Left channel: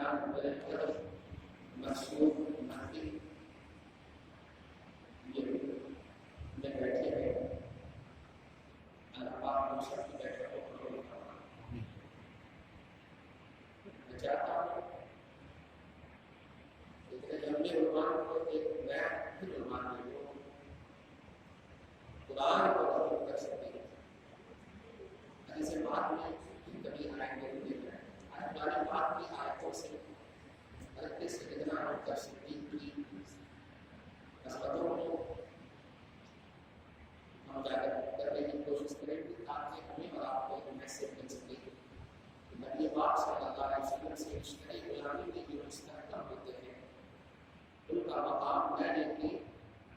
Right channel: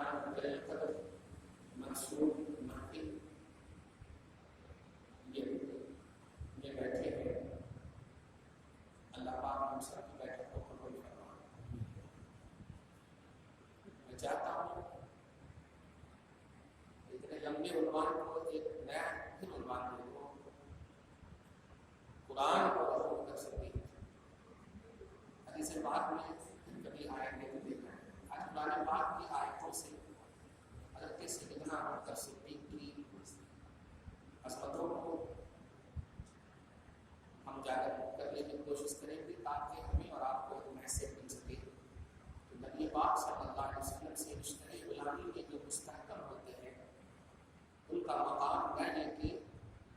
انسان بڑی طرف مقصود نقی میں بیٹھے ہیں، اللہ پاک ہم سب کی بیٹھک کو قبول فرمائے۔ میں چاہتا ہوں اتنے لمبے عنوان کو ایک نیا پھر عنوان دے دو، قرآن کو قبول کر سکتے ہیں۔ حدیث پاک میں کبھی آئیں گے نہیں ہے، آج قرآن پاک کی آیتوں سے حضرت سیدنا ابو بکر صدیق کی عظمتوں کو ہم اجاگر کرنے کی کوشش کریں گے تاکہ ہمیں اور آپ کو ایک میسج مل سکے کہ نبی پاک صلی اللہ علیہ وسلم سے رشتہ غلامی میں جو مستحکم ہوتے ہیں ان کا مقام نہ لے کے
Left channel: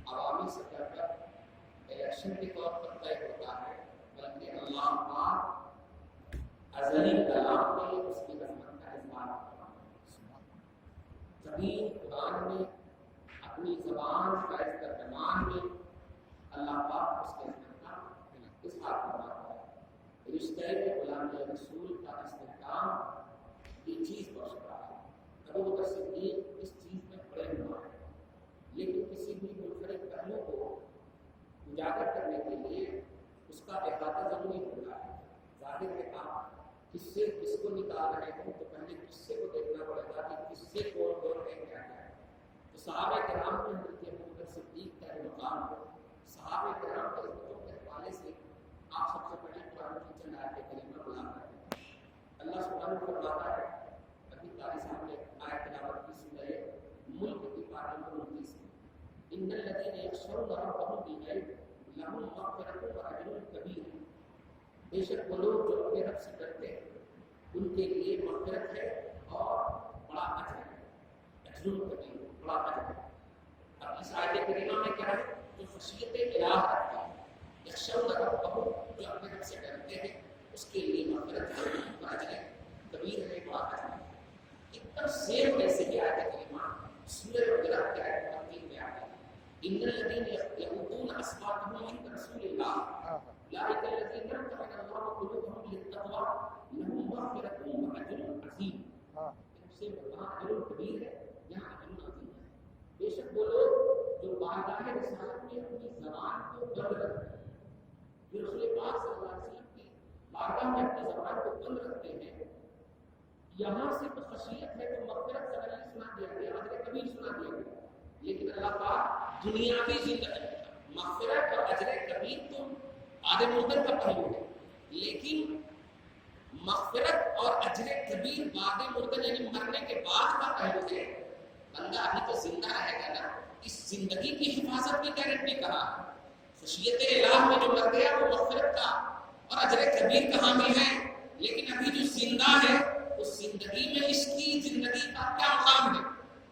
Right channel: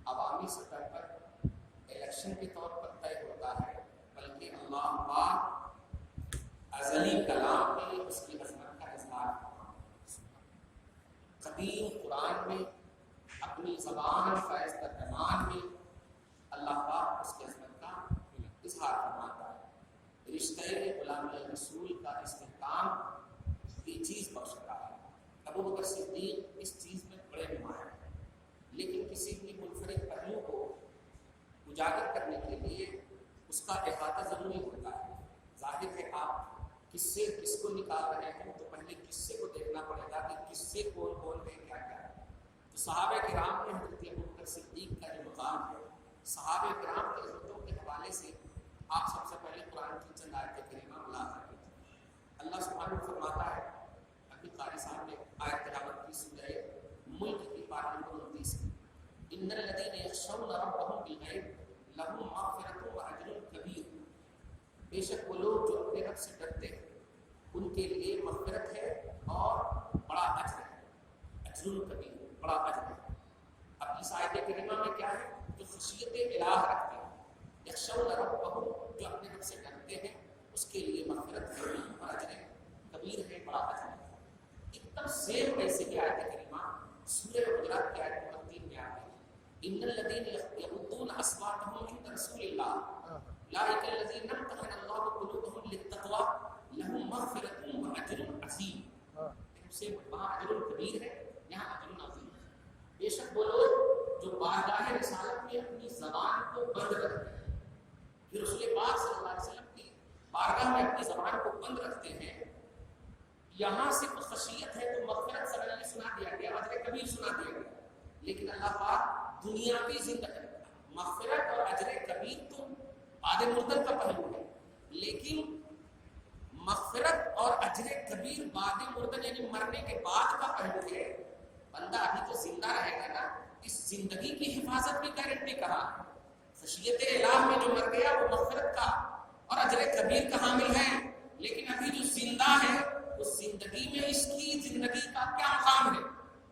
عوامی سطح پر الیکشن کے طور پر طے ہوتا ہے، بلکہ اللہ پاک ازلی کلام میں اس کی عظمت کا اظہار کرتا ہے۔ قدیم قرآن میں اپنی زبان فیض ترجمان میں اللہ پاک اس کی عظمت کا اظہار فرماتا ہے۔ رشتہ غلامی رسول کا استحکام یہ چیز بخش رہا ہے۔ ابو بکر صدیق اس چیز میں بڑے نمایاں ہیں، لیکن کسی بھی منفرد پہلو کو اجاگر کرنے کے لیے اس کا احاطہ ضروری ہوتا ہے۔ ظاہر ہے آپ کس سے کس کو نکال رہے ہوں تو پہلے قصے کو دیکھنا پڑے گا کہ قصے کون کون ہے، کیا کیا ہے۔ تو صحابہ کرام میں حضرت ابو بکر صدیق کا جو مقام ہے، صحابہ کرام کی عظمتوں کے حوالے سے آپ سب سے پہلے قرآن کی چند آیت کریمہ بلا رہے ہیں۔ اللہ سبحانہ فرماتا ہے، ابھی قاری صاحب نے آیت تلاوت کی سورہ ملک کی پارہ نمبر 29 کی، ان الذین یخشون ربهم بالغیب لہم مغفرۃ واجر کبیر۔ بے شک وہ لوگ جو اپنے رب سے ڈرتے ہیں ان کے لیے مغفرت ہے اور بڑا اجر ہے، اجر کبیر، بڑا اجر ہے۔ اب اس آیت کریمہ میں کیا ہے؟ جو خشیت الہ رکھتا ہے، یخشون ربهم، جو اپنے رب سے ڈرتے ہیں اس کے لیے مغفرت ہے اور اجر کبیر ہے، بڑا اجر ہے۔ ایک دم سیم ویسے ہی آیت کریمہ سورہ حجرات کی آیت نمبر 3 میں آتی ہے، ان الذین یغضون اصواتهم عند رسول اللہ اولئک الذین امتحن اللہ قلوبهم للتقوی لہم مغفرۃ واجر عظیم۔ سے وہاں اجر کبیر ہے، یہاں اجر عظیم ہے۔ بے شک وہ لوگ جو بارگاہ رسالت میں اپنی زبان کو بند رکھتے ہیں، جو رسول پاک صلی اللہ علیہ وسلم کی بارگاہ میں اپنی زبان کو بند رکھتے ہیں، یہاں سے کچھ خشیت ہے تو مغفرت سڈنلی سنا دیا گیا، اجر کبیر سنا دیا گیا، لیکن اللہ پاک دنیاوی زندگی مغفرت اور اجر کبیر تو بعد مردن کا پہلو ہے، لیکن مغفرت اور اجر کبیر بعد مردن یعنی مرنے کے بعد کا پہلو ہے۔ بندہ ابھی تو زندہ رہے گا نا، اس زندگی کی حفاظت کی گارنٹی کہاں؟ خشیت الہ میں جو مر گیا وہ مغفرت کا اور اجر کبیر کا حامل ہے، لیکن ابھی جو زندہ ہے اس زندگی میں اس کی زندگی کا کیا مقام ہے؟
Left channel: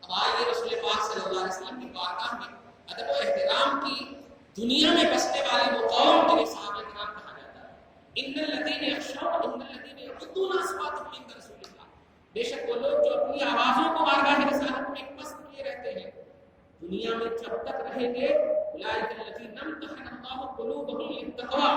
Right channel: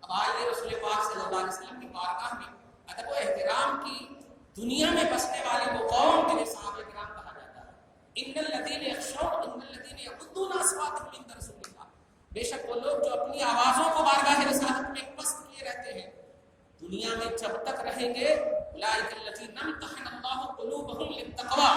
اب آئیے رسول پاک صلی اللہ علیہ وسلم کی بارگاہ میں ادب و احترام کی دنیا میں بسنے والے وہ قوم جنہیں صحابہ کرام کہا جاتا ہے، ان الذین یخشون ان الذین یغضون اصواتهم عند رسول اللہ، بے شک وہ لوگ جو اپنی آوازوں کو بارگاہ رسالت میں پست کیے رہتے ہیں، دنیا میں جب تک رہیں گے اولئک الذین امتحن اللہ قلوبهم للتقوی،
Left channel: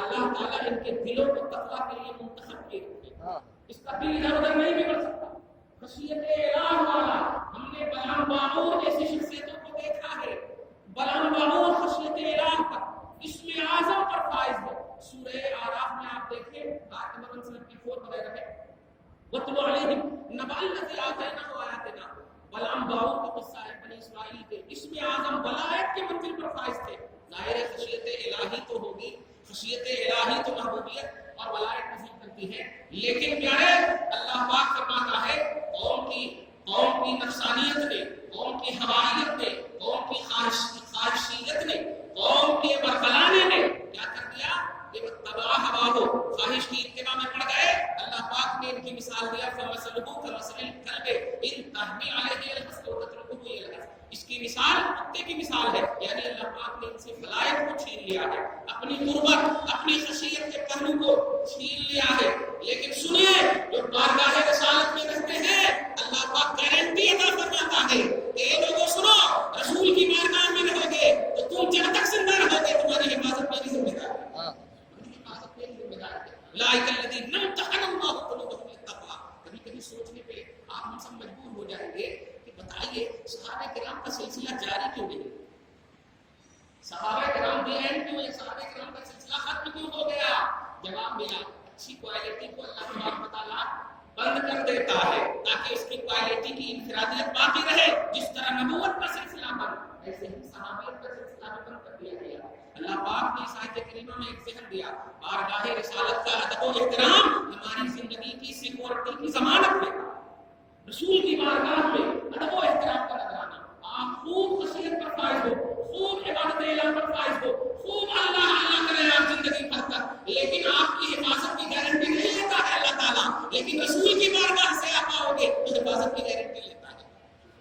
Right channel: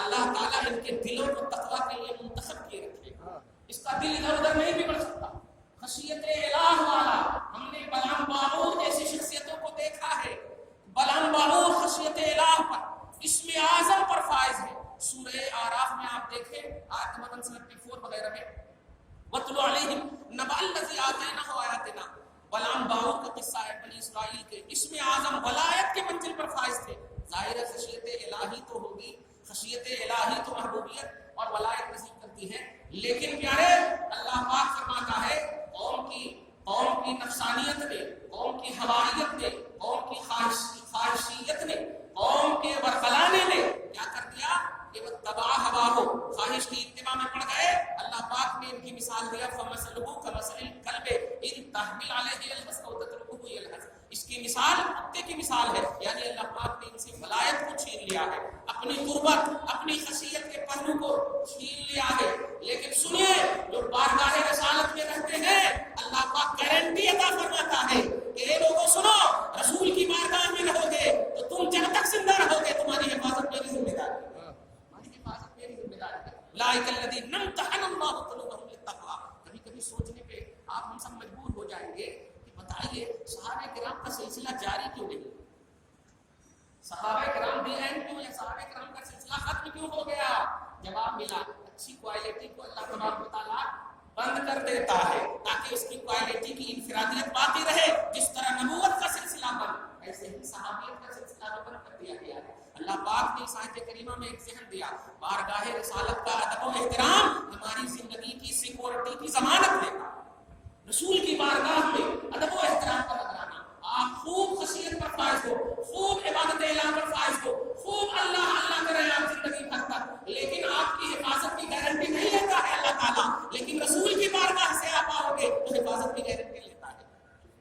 اللہ تعالیٰ ان کے دلوں کو تقوی کے لیے منتخب کیے رکھے گا، اس کا دل ادھر ادھر نہیں بھی بڑھ سکتا۔ خشیت الہ والا، ہم نے بلعام باعور جیسی شخصیتوں کو دیکھا ہے، بلعام باعور خشیت الہ پر اسم اعظم پر فائز ہے۔ سورہ آراف میں آپ دیکھیں آیت نمبر 174 وغیرہ میں، وَاتْلُ عَلَيْهِمْ نَبَأَ الَّذِي آتَيْنَاهُ آیَاتِنَا، بلعام باعور کا قصہ ہے بنی اسرائیل کے، اسم اعظم ولایت کے منزل پر فائز تھے۔ ظاہر ہے خشیت الہی تو ہوگی، خشیت الہی تو محبوبیت اور ولایت نصیب کرتی ہے، لیکن کیا ہے؟ اللہ پاک فرماتا ہے قوم کی نفسانیت نے، قوم کی ہوائیت نے، قوم کی خواہشیت نے، قوم کے ورغلانے نے کیا کر دیا کہ وہ تباہ ہوا ہو، خواہش کی اتباع میں پڑ گئے۔ اللہ پاک نے ان کی مثال دیا فَمَثَلُهُ كَمَثَلِ الْكَلْبِ إِن تَحْمِلْ عَلَيْهِ يَلْهَثْ أَوْ تَتْرُكْهُ يَلْهَثْ، اس کی مثال کتے کی مثال ہے، یعنی اللہ پاک نے ان سے ولایت کو چھین لیا ہے، اپنی قربت، اپنی خشیت کے پہلو کو چھین لیا ہے۔ لیکن سنیے، جو بارگاہ رسالت میں رہتے ہیں اللہ پاک گارنٹی عطا فرماتا ہے کہ اے لوگوں سنو، رسول کی بارگاہ میں رہو گے تو تم جب تک زندہ رہو گے تمہاری حفاظت میری ذمہ داری ہے، تمہاری حفاظت میری ذمہ داری ہے۔ اولئک الذین امتحن اللہ قلوبهم للتقوی، کبھی کبھی سوچنے پہ آپ ہم سب مجبور ہو جائیں گے کہ بتائیے صحابہ کرام کا سلسلہ جاری کیوں نہیں؟ صحابہ کرام بھی ہیں کیوں؟ یہ صحابہ کرام کا سلسلہ ختم کیوں ہو گیا؟ جواب ملا اچھی کوالٹی کو اللہ تبارک و تعالیٰ بند کر دیتا ہے تاکہ اس کی کوالٹی کی انفرادیت باقی رہے. جس طرح نبوت کا سلسلہ بند، ایسے ہی صحابیت کا سلسلہ بھی بند کر دیا گیا ہے. اللہ پاک نے اس آیت کریمہ میں ایک ذہن دیا، بارگاہ رسالت کا ادب و احترام ہماری زندگی کی سیکورٹی کی ضمانت دیتا. رسول کی بارگاہ میں ادب و احترام کا نظرانہ، آپ خوب خشیت پر فائز ہو، خوب عبادت الہ پر فائز ہو، خوب اللہ اللہ کریں آپ زندگی بھر تک، لیکن آپ کی حفاظت کی گارنٹی نہیں لیتا ہے اللہ تعالیٰ. لیکن رسول کی بارگاہ سے آپ آؤ گے تو حفاظت کی گارنٹی لیتا ہے.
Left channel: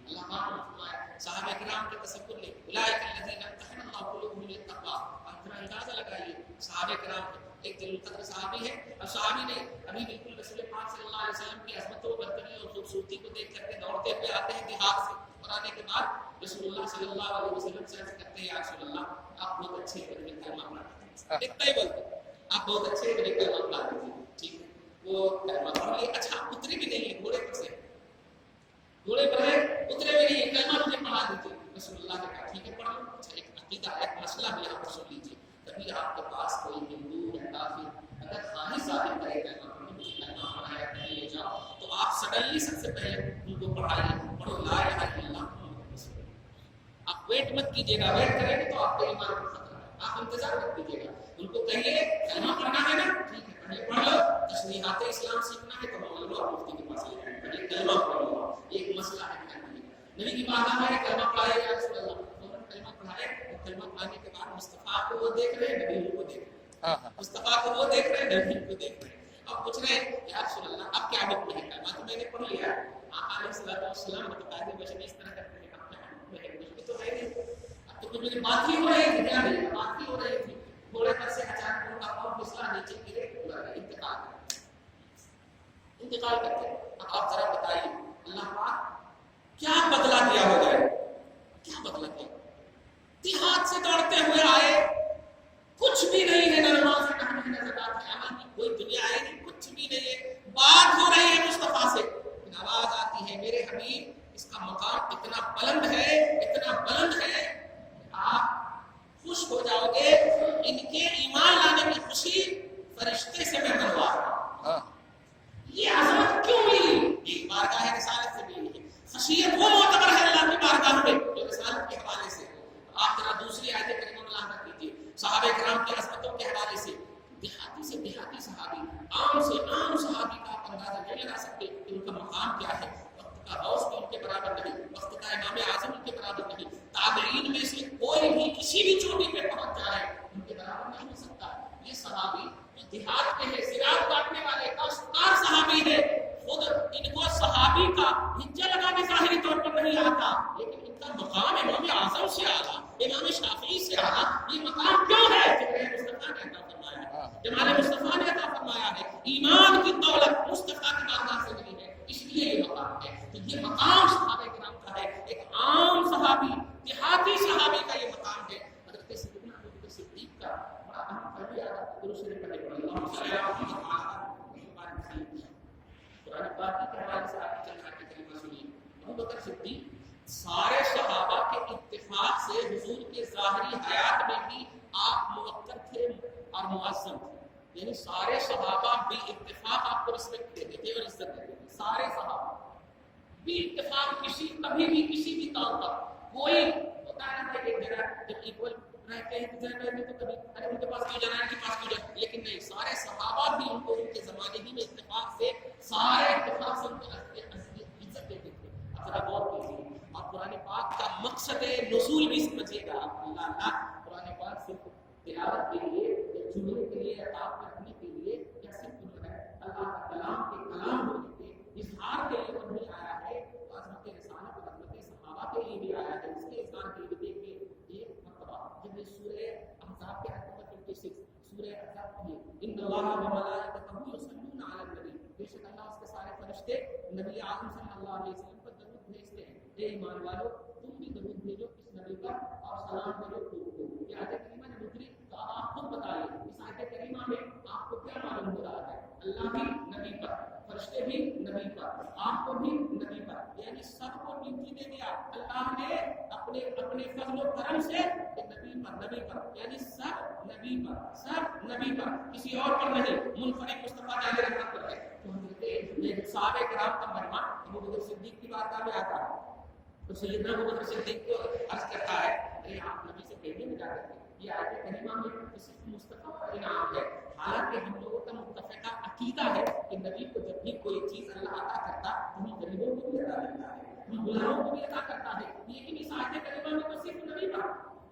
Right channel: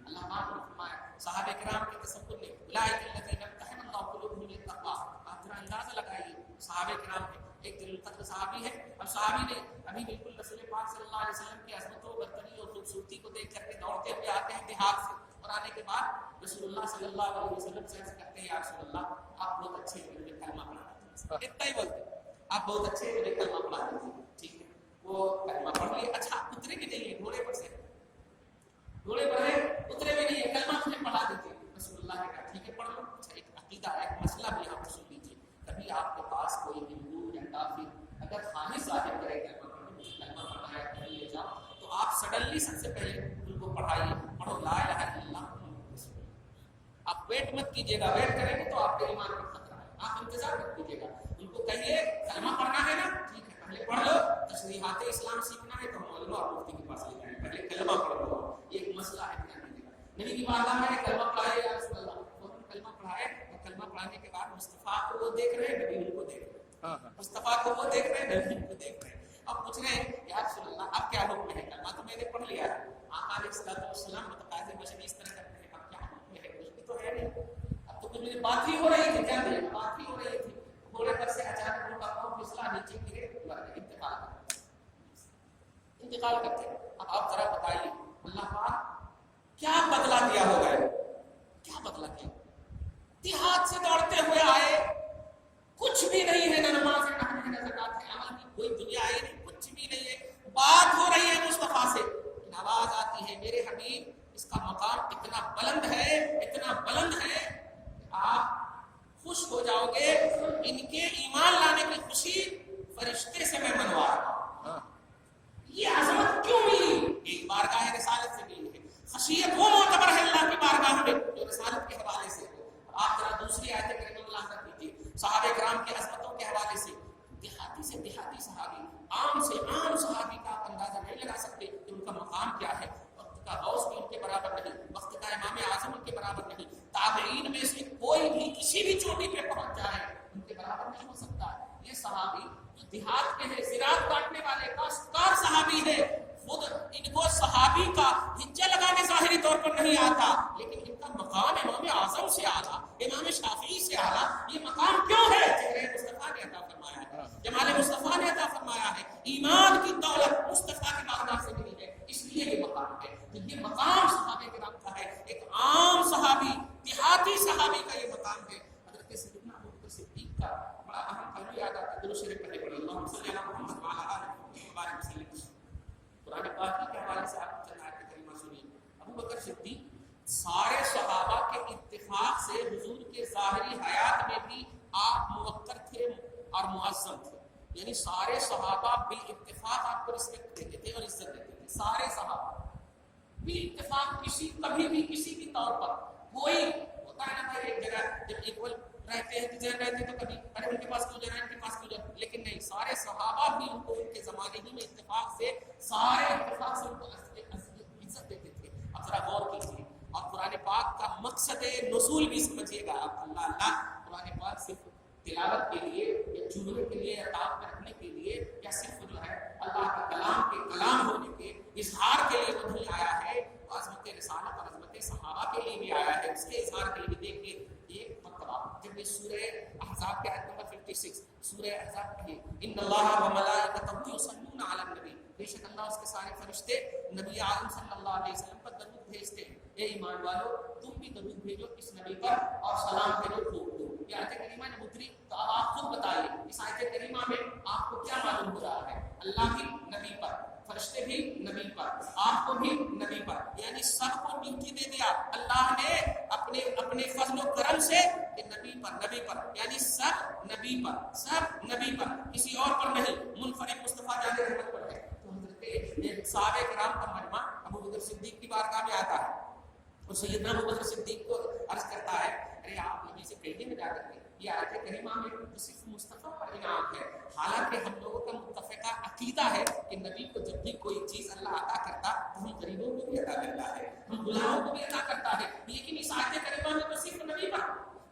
اللہ پاک نے فرمایا صحابہ کرام کے تصور لے، اولئک الذین امتحن اللہ قلوبهم للتقوی. آپ ذرا اندازہ لگائیے صحابہ کرام ایک جلیل القدر صحابی ہے، اور صحابی نے ابھی بالکل رسول پاک صلی اللہ علیہ وسلم کی عظمت و برتری اور خوبصورتی کو دیکھ کر کے دوڑتے ہوئے آتے ہیں دیہات سے، اور آنے کے بعد رسول اللہ صلی اللہ علیہ وسلم سے عرض کرتے ہیں یا رسول اللہ آپ بہت اچھے ہیں، میرے کلمہ پڑھا دیجیے. اتنا ہی بولتے آپ بہت اچھے ہیں، میرے کلمہ پڑھا دیجیے. ٹھیک ہے، وہ کلمہ پڑھ لیے. اچھا اترے بھی نہیں ہے گھوڑے پر سے، گھوڑے پر ہے اترے بھی نہیں ہے، کلمہ مجھے پڑھا دیجیے. رسول اللہ نے کہا ٹھیک ہے پڑھ لو. اچھا ایک عقیدہ ایک مسئلہ بھی یہاں پر سن لیجیے. کبھی آپ کے پاس کوئی ہندو یا کافر اگر خواہش ظاہر کرے کلمہ پڑھنے مجھے کلمہ پڑھنا ہے کہیں لے جاؤ، تو آپ سڈنلی سب سے پہلے ان کو پڑھائیے، پڑھو لا الہ الا اللہ محمد رسول اللہ. آپ ویٹ مت کیجیے گا، ویٹ کریں گے تو آپ کے ایمان پر خطرہ ہے. آپ انتظار مت کیجیے گا، ان کو کہیے کلمہ پڑھنا ہے نا ٹھیک ہے پہلے پڑھ لو، تشریحات اسلام سیکھنا ہے تو مولوی اور مفتی کے پاس لے جائیں، پہلے کلمہ پڑھ لو. یہ ایک مسئلہ ہے نبی کی بارگاہ میں کلمہ پڑھائے یا رسول اللہ، فوراً کلمہ پڑھائے. اور کلمہ پڑھانے کے بعد مصطفیٰ کو وہ دیکھ رہے ہیں، نبی ان کو دیکھ رہے ہیں. مصطفیٰ کو وہ دیکھ رہے ہیں، نبی ان کو دیکھ رہے ہیں. اب پوچھ رہے ہیں یا رسول اللہ اب کیا حکم ہے؟ کلمہ تو میں نے پڑھ لیا ہے. آقا علیہ الصلوۃ والسلام متقاضی بشر اس طرح کرتے ہیں، اب کیا حکم ہے؟ کچھ بھی تو ہے نہیں. اب تو کچھ میری بات ہی ہو رہی تھی، کیا میری بات ہی ہو رہی تھی. گھوڑے پر سے اچانک ان کا پاؤں پھسلا، نیچے گرے، انتقال کرتے. اب آپ ذرا بتائیے اللہ پاک کیا بدلہ دیا ہوگا؟ کیا بدلہ دیا؟ دیہات سے دوڑتے ہوئے آئے، کچھ بھی نہیں ہے، نہ نماز ہے، نہ زکات ہے، عمل کی کوئی دنیا آئی نہیں، کچھ بھی نہیں ہے. بات ہو رہی ہے مصطفیٰ سے، لیکن آواز آتی ہے میرے حبیب اس کا مقام اتنا بلند ہے، اتنا بلند ہے کہ آپ خوش ہو جاؤ گے. ان کے ایمان لانے کی خوشی فرشتے سے میں منوا رہا ہوں. یہ عظمت کیوں ملی؟ ایک بارگاہ رسالت سے ملی ہے. خشیت وہ معتبر ہے اللہ کی بارگاہ میں جو رسالت کے حوالے سے. آپ ذرا دوسری آیت کریمہ ملاحظہ کیجیے صحابہ کرام کی عظمتوں کے حوالے سے. دیہاتی سے دیہاتی صحابی، عام سے عام صحابی کا آپ اندازہ نہیں لگا سکتے کہ ان کا مقام کیا ہے. وقت کا غوث بھی ان کے برابر نہیں، وقت کا امام اعظم ان کے برابر نہیں. تابعین میں سے کوئی بھی کسی بھی چوٹی پہ پہنچ جائے ان کے برابر نہیں ہو سکتا. یہ صحابی جو دیہات کے ہے، زراعت کاٹنے والے کاشتکار صحابی ہے، خود ان کو صحابی کا ہجہ لگانے ظاہری طور پر نہیں آتا، لیکن ان کا مقام امام اعظم سے اعلیٰ، امام شافعی سے اعلیٰ. یہ مقام کیوں ہے؟ جمال مصطفیٰ نے عطا فرمایا ہے، جمال مصطفیٰ نے عطا فرمایا ہے. ایمان کی دولت مصطفیٰ کی بارگاہ سے ملی ہے، اس لیے یہ مقام ہے. تو یہ مقام صحابہ کرام کا ہے. ایک عام صحابی، دیہاتی صحابی کا یہ مقام ہے. حضرت سیدنا ابوبکر صدیق کا بڑا اہم پہلو یاد آتا ہے. درود شریف پڑھے پڑھے اللہم صلی علی محمد وعلی آلہ محمد وسلم. قرآن پاک کی حوالے سے آپ چند آیتیں کریمہ سنیے. ابوبکر صدیق سارے صحابہ کے اتفاق سے حضور کے ظاہری حیات میں بھی آپ موقر تھے اور معظم تھے. یعنی سارے صحابہ بھی اتفاق آپ کو رسپیکٹ دیتے تھے اور عزت دیتے تھے. سارے صحابہ بھی اتفاق کسی کبھی بھی کسی بھی طور پر کوئی ہوتا ہے نا بھائی ایک جگہ جب ایکول رہتے ہیں ذہن رہتے ہیں تو کبھی ارے ان کے پاس کیوں جانا ہے، ان کے پاس کیوں جانا، لیکن نہیں، سارے صحابہ بھی ان کو ان کے زمانے ہی میں اتفاق سے سارے اتفاق سے ان کو عزت دیتے تھے. اب ذرا غور کیجیے اور قرآن پاک کا مقصد نزول بھی سمجھیے گا. اللہ اللہ قرآن پاک صرف تلاوت کے لیے یا جملے کے لیے یا تعاون میں رکھنے کے لیے یا صرف جو ہے اللہ کا کلام کے کلام ہونے کے اظہار کے لیے نہیں آیا ہے، عظمت رسالت اور عظمت صحابہ کے لیے بھی آیا ہے. اس کے اظہار کے لیے بھی دیکھیے ایک مرتبہ جب یہ سورہ احزاب کے آیت نمبر 56 سورہ احزاب کی ان اللہ و ملائکتہ یصلون علی النبی، بے شک اللہ اس کے سارے فرشتے نبی اعظم صلی اللہ علیہ وسلم پر درود بھیجتے ہیں. اے ایمان والو تم بھی درود بھیجو اس نبی پر اور سلام بھیجو خوب خوب. یہ آیت کریمہ نے اتری تو اب آپ خود بتائیے اس آیت کریمہ میں آپ کو کیا معلوم ہو رہا ہے؟ اللہ بھی نبی پر، فرشتے بھی نبی پر، آپ کو بھی نبی پر. اللہ نے اپنے فضل و کرم سے نبی پر یعنی سب نبی پر کسی اور پر نہیں، منفرد مصطفیٰ جان رحمت پر ہے۔ تو حضرت صحابہ کرام کا مجمع ابو بکر صدیق کی بارگاہ میں آتا ہے اور سیدنا ابو بکر صدیق کو عرض کرتا ہے ارے آپ نبی سے کہیے نہ جا کر کے یہ آیت کریمہ میں صرف مصطفیٰ پر انعام ہے، حالانکہ ہم لوگوں کا متفقہ عقیدہ ہے کہ نبی کو جب بھی کوئی چیز اللہ عطا کرتا تو ہم غریبوں کو بھی عطا کرتا ہے، ہم غلاموں کو بھی عطا کرتا ہے، لیکن اس آیت کریمہ میں تو صرف نبی پر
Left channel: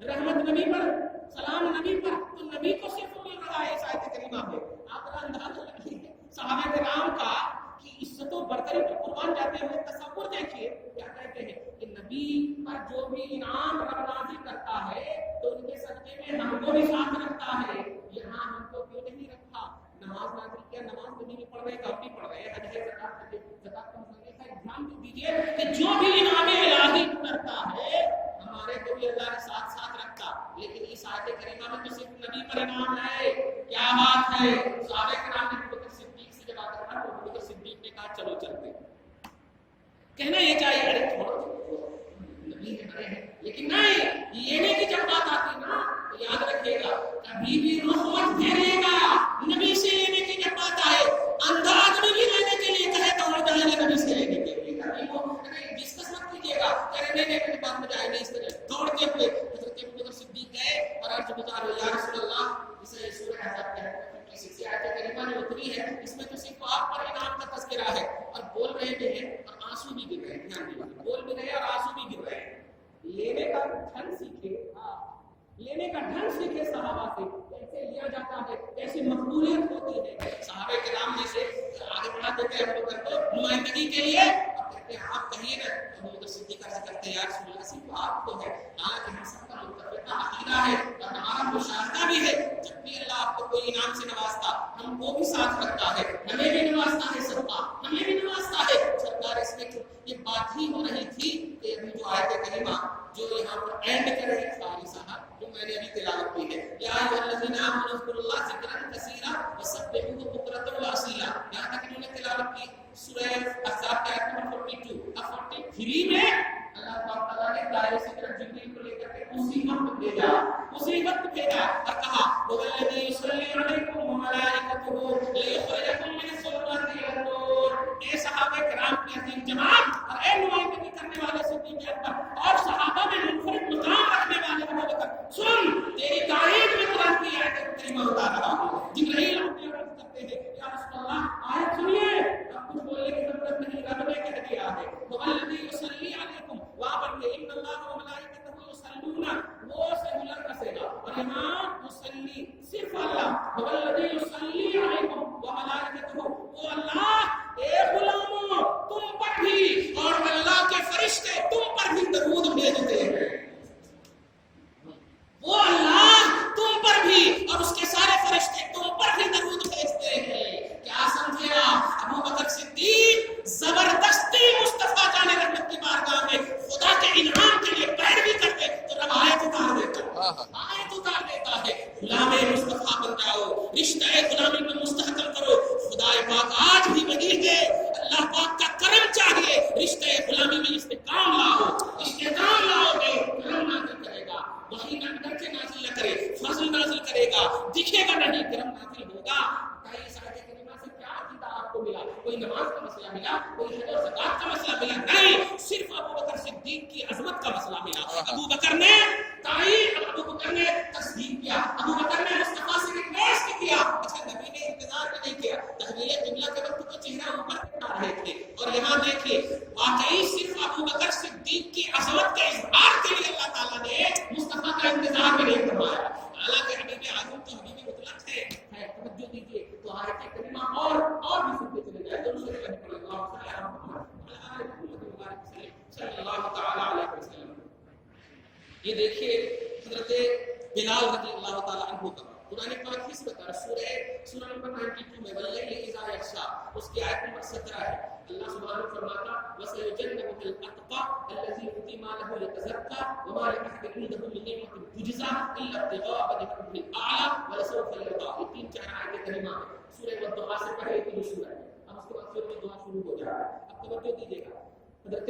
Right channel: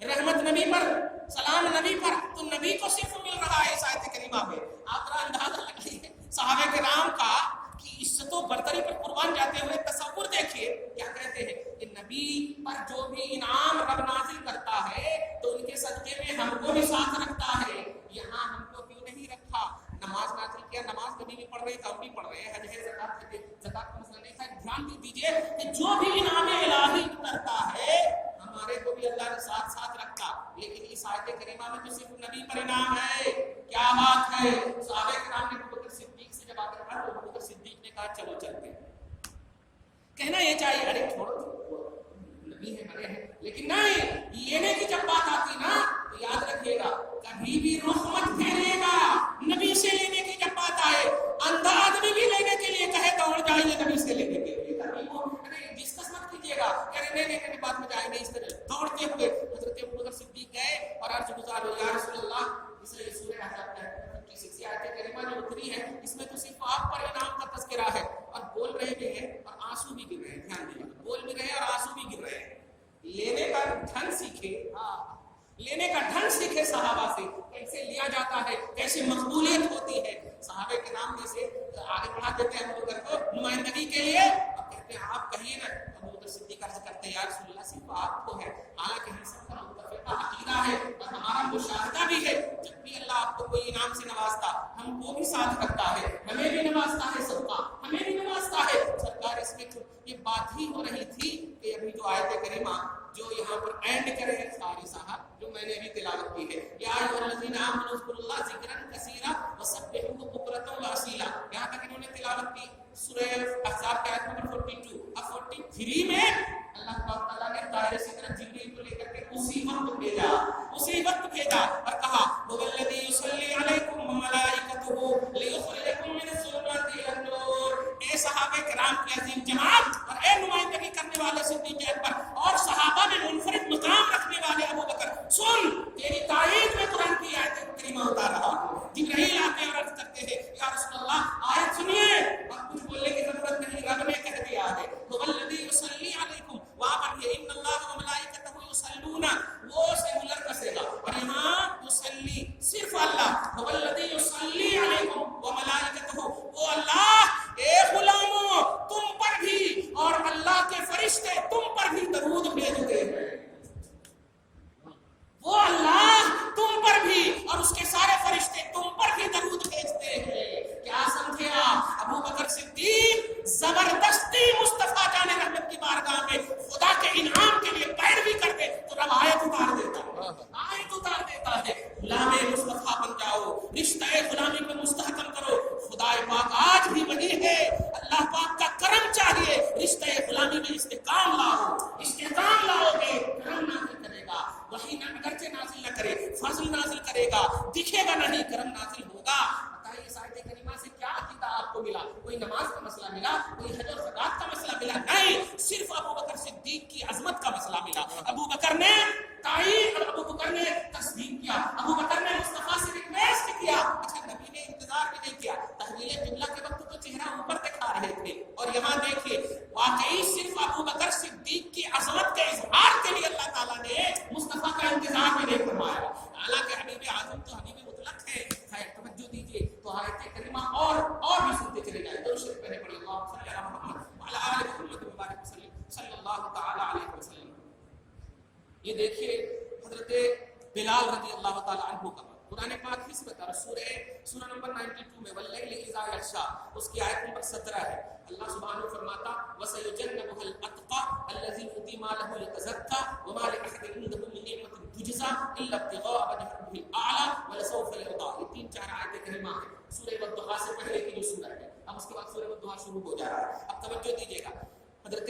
رحمت، نبی پر سلام، نبی پر، تو نبی کو صرف مل رہا ہے اس آیت کریمہ میں۔ آپ ذرا اندازہ لگائیے صحابہ کرام کا کی عزت و برتری پر قربان جاتے ہوئے تصور دیکھیے کیا کہتے ہیں کہ نبی پر جو بھی انعام رب نازل کرتا ہے تو ان کے صدقے میں ہم کو بھی ساتھ رکھتا ہے، یہاں ہم کو کیوں نہیں رکھا؟ نماز نازل کیا، نماز نبی بھی پڑھ رہے ہیں، ہم بھی پڑھ رہے ہیں، حج ہے، زکات کا مسئلہ نہیں ہے، دھیان دیجیے کہ جو بھی انعام الہی کرتا ہے ہمارے کو بھی اللہ نے ساتھ ساتھ رکھا، لیکن اس آیت کریمہ میں تو صرف نبی پر انعام ہے۔ کیا بات ہے؟ صحابہ کرام نے ابو بکر صدیق سے جب آ کر کہا تو ابو بکر صدیق نے کہا چلو چلتے ہیں۔ کہنا یہ چاہیے ارے چھوڑو نبی ہے بڑے ہیں، لیکن نہیں، لینے کی جب بات آتی نا تو یاد رکھیے گا کبھی بھی رخ مت پھیریے گا نبی سے لینے کی جب بات آئے، اندھا آدمی بھی لینے کے لیے کہے دوڑ جائیے نبی سے لینے کے لیے، کبھی وہ ڈسکس مت کیجیے گا کہ نہیں میری بات میں جائیں گے، اس طرح دوڑتے ہوئے حضرت ابو بکر صدیق گئے اور عرض گزار ہوئے یا رسول اللہ اسے سورہ احزاب میں 56 آیت کریمہ جو اتری ہے اس میں تو صرف آپ پر انعام کا تذکرہ ہے، اور بول رہے بھی ہیں اور آنسو بھی گر رہے ہیں، دھیان دیجیے، بول بھی رہے ہیں اور آنسو بھی گر رہے ہیں۔ لینے کا ڈھنگ سیکھے، لینے کا ڈھنگ سیکھے صحابہ سے، کیسے لیا جاتا ہے، کیسے مقبولیت ہوتی ہے۔ صحابہ کرام میں سے آگے بڑھا دیتے ہیں ابو بکر کو نمائندگی کے لیے، اور کہتے ہیں آپ کہیے نا، ابو بکر صدیق عرض کرتے ہیں یا رسول اللہ صرف آپ کو ہے، حالانکہ ہم سب کا متفقہ عقیدہ ہے اور ہمارا مشاہدہ بھی ہے جب بھی اللہ آپ کو کوئی انعام سے نوازتا ہم کو بھی ساتھ رکھتا ہے، ہمیں بھی نوازتا ہے، سب کا ہمیں بھی نوازتا ہے۔ سرکار اس میں یہ بات ہی ہو رہی تھی کہ ابھی جو آیت کریمہ جو یہاں پر اینڈ کرے ہیں قاری صاحب جو میں نے ابھی تلاوت کی ہے، یا ایھا الذین آمنوا اذکروا اللہ ذکرا کثیرا وسبحوہ بکرۃ واصیلا، یہاں تک انہوں نے تلاوت کی۔ سورہ احزاب کا آیت نمبر 42 اب 43 میں اللہ تعالیٰ نے دائرے سے طرف جبریل کو لے کر کے اسی وقت بھیجا اور کہا هو الذی یصلی علیکم وملائکتہ لیخرجکم من الظلمات الی النور۔ اے صحابہ کرام کی عظیم جماعت اور اے نمائندگی کرنے والے صدیق اکبر اور صحابہ میں منفرد مقام رکھنے والے ابو بکر، سن تیری تائید میں قرآن کی آیت کریمہ اتار رہا ہوں۔ جبرائیل آتے اور عرض کرتے ہیں یا رسول اللہ آیت سنیے، اب کچھ بولنے کی ضرورت نہیں، رب نے کہہ دیا ہے هو الذی یصلی علیکم، وہاں پر یہ ان اللہ وملائکتہ یصلون، وہ سنگولر کا صیغہ، اور یہاں یصلی صرف اللہ، هو الذی یصلی علیکم وملائکتہ، وہ اللہ اے غلاموں تم پر بھی اور اللہ کے فرشتے تم پر بھی درود بھیجتے ہیں، وہ اللہ تم پر بھی اور اس کے سارے فرشتے تم پر بھی درود بھیجتے ہیں۔ کیا سمجھے آپ؟ ابو بکر صدیق زبردستی مصطفیٰ جان رحمت کی بارگاہ میں خدا کے انعام کے لیے پیروی کرتے تو رب آیت اتار دیتا ہے غلام مصطفیٰ بن جاؤ، رشتہ غلامی میں مستحکم کرو۔ خدا پاک آج بھی وہی ہے، اللہ پاک کا کرم چاہیے، رشتہ غلامی میں استحکام لاؤ گے کرم نازل کرے گا، وہی اگرچہ نازل نہ کرے فضل نازل کرے گا، دکھے گا نہیں کرم نازل ہوگا۔ بتائیے اس آیت کریمہ سے کیا عقیدہ آپ کو ملا؟ کوئی نماز کا مسئلہ ملا، کوئی حج اور زکات کا مسئلہ ملا؟ نہیں، صرف ابو بکر صدیق کی عظمت کا مسئلہ ملا۔ ابو بکر نے تعین، ابو بکر نے تصدیق کیا، ابو بکر نے مصطفیٰ سے ریکویسٹ کیا۔ اچھا نبی نے انتظار بھی نہیں کیا، تحویل قبلہ کے وقت تو چہرہ اوپر دکھا رہے تھے، اور یہاں دیکھیے واقعی صرف ابو بکر صدیق کی عظمت کے اظہار کے لیے اللہ تعالیٰ نے مصطفیٰ کا انتظار بھی نہیں فرمایا، حالانکہ حبیب اعظم تو حبیب مطلق ہے۔ خیر توجہ دیجیے تو آیت کریمہ اور بھی سنتے چلے جائیں، درود شریف پڑھنے پڑے، اللہم صلی علی محمد وعلی آل محمد وبارک وسلم صلی اللہ تعالی علیہ وسلم۔ یہ دیکھیے حضرت بلال رضی اللہ تعالی عنہ کا قرآن پاک کس بتا سورہ نمبر 92 میں واللیل اذا یغشی، اس کی آیت نمبر 17 ہے۔ اللہ سبحانہ فرماتا وَسَيُجَنَّبُهَا الْأَتْقَى الَّذِي يُؤْتِي مَالَهُ يَتَزَكَّى وَمَا لِأَحَدٍ عِندَهُ مِن نِّعْمَةٍ تُجْزَىٰ إِلَّا ابْتِغَاءَ وَجْهِ رَبِّهِ الْأَعْلَىٰ وَلَسَوْفَ يَرْضَىٰ۔ یہ 3-4 آیتیں کریمہ ہیں سورہ والضحیٰ سے پہلے کی جو سورہ ہے، اب اس کے بعد سورہ والضحیٰ شروع ہو جا رہا ہے۔ اب توجہ دیجیے گا، حضرت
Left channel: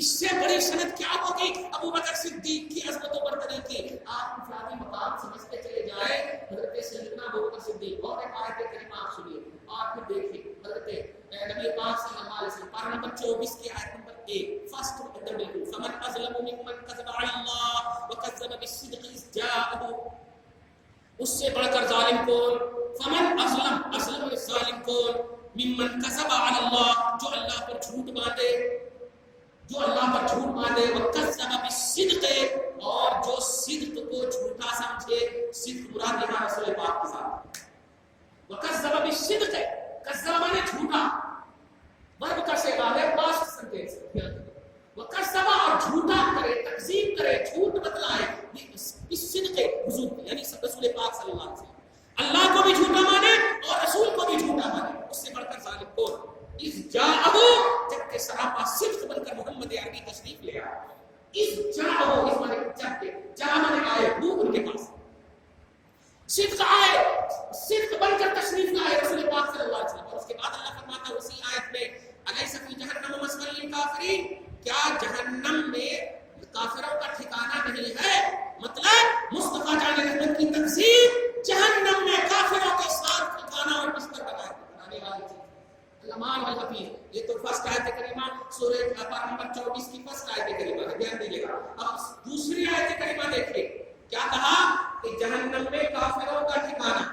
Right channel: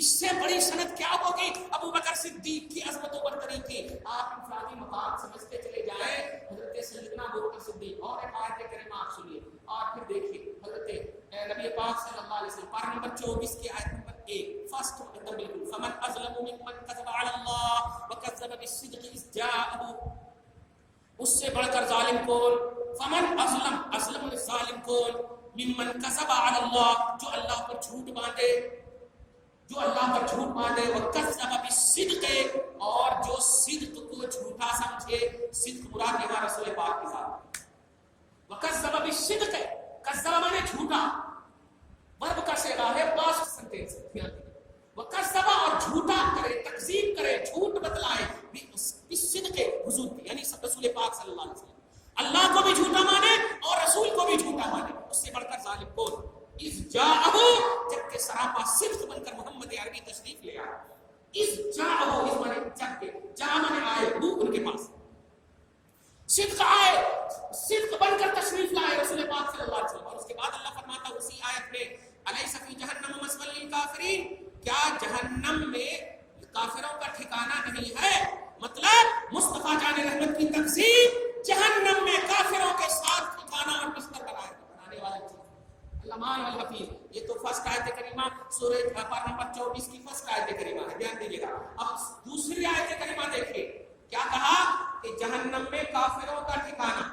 اس سے بڑی سند کیا ہوگی ابو بکر صدیق کی عظمت و برتری کی. آپ انفرادی مقام سمجھتے چلے جائیں حضرت سیدنا ابو بکر صدیق. اور ایک آیت کریمہ آپ سنیے اور پھر دیکھیے حضرت نبی پاک صلی اللہ علیہ وسلم پارہ نمبر 24 کی آیت نمبر 1 فرسٹ اندر بالکل فمن اظلم ممن كذب على الله وكذب بالصدق اذ جاءه. اس سے بڑھ کر ظالم کون؟ فمن اظلم الظالم کون؟ ممن كذب على الله جو اللہ پر جھوٹ باندھے وَكَذَّبَ بِالصِّدْقِ اور جو صدق کو جھوٹا سمجھے. صدق مراد یہاں رسول پاک کے ساتھ. وَكَذَّبَ بِالصِّدْقِ کذب مانے جھوٹا ورب کا صیغہ ہے پاسٹ سینٹینس. وَكَذَّبَ اور جھوٹا کرے تکذیب کرے جھوٹ بتلائے بالصدق حضور کی یعنی رسول پاک صلی اللہ علیہ وسلم. اللہ کو بھی جھوٹا مانے اور رسول کو بھی جھوٹا مانے. اس سے بڑھ کر ظالم کون؟ اذ جاءہ جبکہ سراپا صدق بن کر محمد عربی تشریف لے آیا. اذ جاءہ اس مانے جبکہ جاء مانے آئے وہ ان کے پاس صدق آئے صدق بن کر تشریف لائے رسول پاک صلی اللہ علیہ وسلم. اور اس کے بعد اللہ فرماتا ہے اسی آیت میں الیس فی جہنم مثوی للکافرین کیا جہنم میں کافروں کا ٹھکانہ نہیں ہے. مطلب مصطفیٰ جان رحمت کی تقسیم جہنم میں کافروں کے ساتھ ٹھکانہ اور بستر بنانے والی چیز. الامان والحفیظ یہ تو فرسٹ آیت کریمہ سورہ پارہ نمبر 24 کی فرسٹ آیت کریمہ ہے. دھیان دیجیے گا. اب دوسری آیت کریمہ دیکھیے کیا کہا کہ جہنم میں کافروں کا ٹھکانہ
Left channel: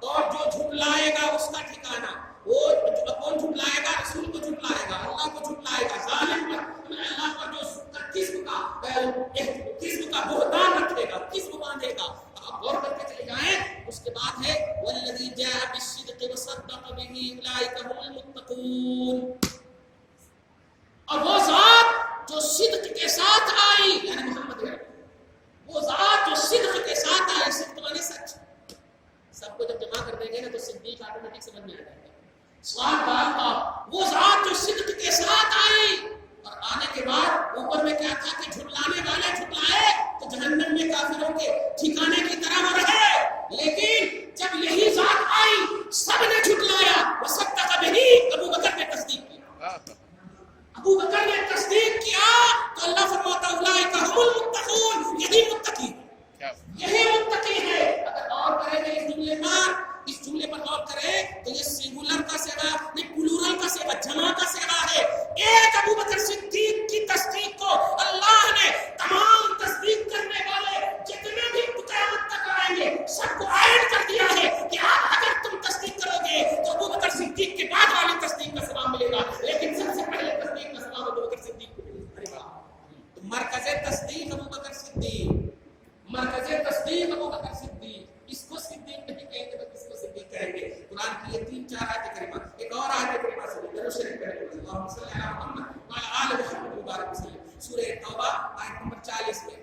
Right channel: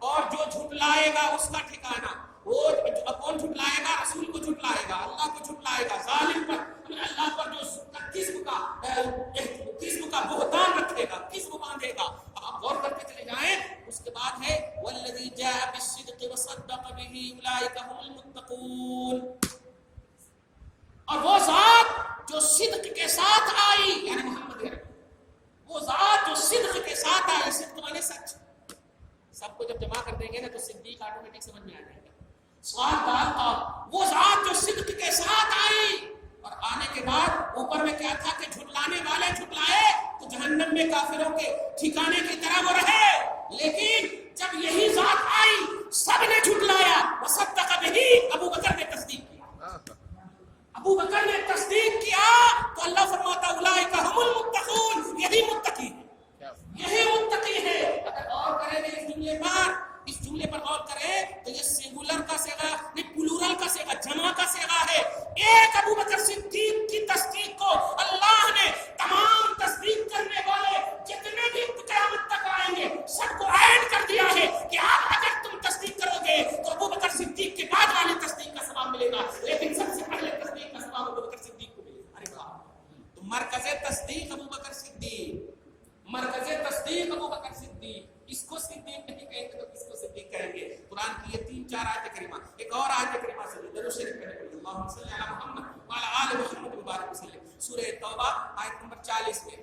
اور جو جھٹلائے گا اس کا ٹھکانہ. وہ کون جھٹلائے گا؟ رسول کو جھٹلائے گا, اللہ کو جھٹلائے گا, ظالم پر اللہ پر جو قسم کا بہتان رکھے گا, قسم باندھے گا. آپ غور کرتے چلے جائیں. اس کے بعد ہے والذی جاء بالصدق وصدق به اولئک هم المتقون. اور وہ ذات جو صدق کے ساتھ آئی یعنی محمد ہے, وہ ذات جو صدق کے ساتھ آئی. صدق مانے سچ. سب کو جب جمع کر دیں گے نا تو صدیق آٹومیٹک سمجھ میں آ جائے گا. سوال کا وہ ذات جو صدق کے ساتھ آئی اور آنے کے بعد اوپر میں کیا تھا کہ جھٹلانے والے جھٹلائے تو جہنم میں کافروں کے ٹھکانے کی طرح وہ رہے. لیکن جب یہی ذات آئی سب نے جھٹلایا. وصدق به ابو بکر نے تصدیق کیا. ابو بکر نے تصدیق کیا تو اللہ فرماتا اولئک هم المتقون. یہی متقی ہے. اگر اور کریں گے اس جملے پر غور کریں تو یہ سنگولر کا صیغہ یہ پلورل کا صیغہ جمع کا صیغہ ہے. ایک ابو بکر صدیق کی تصدیق کو اللہ نے تمام تصدیق کرنے والے جتنے بھی قیامت تک آئیں گے سب کو ایڈ کر دیا ہے کہ اگر تم تصدیق کرو گے تو ابو بکر صدیق کے بعد والی تصدیق کا ثواب ملے گا. لیکن سب سے پہلے تصدیق کا ثواب ابو بکر صدیق کو ملے گا. ارے واہ. تو مرکز تصدیق ابو بکر صدیق. اس کو صدیق نہیں کہیں گے تو کس کو صدیق کہیں گے؟ قرآن کی یہ 3-4 آیت کریمہ. ایک اور آیت کریمہ سے درود شریف پڑھیں گے. اللهم صل علی محمد وعلی آل محمد مبارک وسلم. سورہ توبہ آیت نمبر 40 میں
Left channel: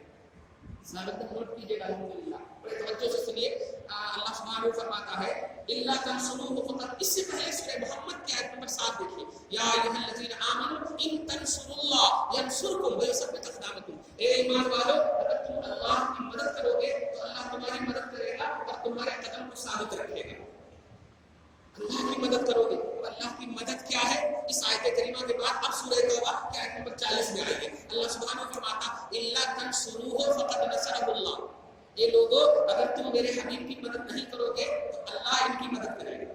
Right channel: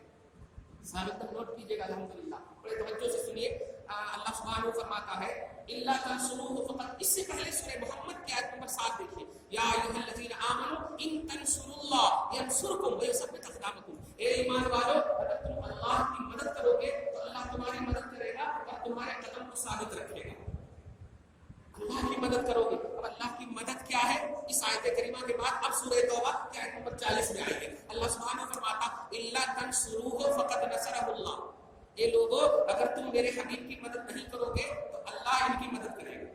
ثابت نوٹ کیجیے گا. الحمدللہ بڑے توجہ سے سنیے. اللہ سبحانہ فرماتا ہے الا تنصروه فقط. اس سے پہلے سورہ محمد کی آیت نمبر 7 دیکھیے. یا ایھا الذین آمنوا ان تنصروا اللہ ینصرکم ویثبت اقدامکم. اے ایمان والو اگر تم اللہ کی مدد کرو گے تو اللہ تمہاری مدد کرے گا اور تمہارے قدم کو ثابت رکھے گا. اللہ کی مدد کرو گے. اب اللہ کی مدد کیا ہے؟ اس آیت کریمہ کے بعد اب سورہ توبہ کی آیت نمبر 40 میں آئیے. اللہ سبحانہ فرماتا الا تنصروه فقد نصرہ اللہ. یہ لوگوں اگر تم میرے حبیب کی مدد نہیں کرو گے تو اللہ ان کی مدد کرے گا.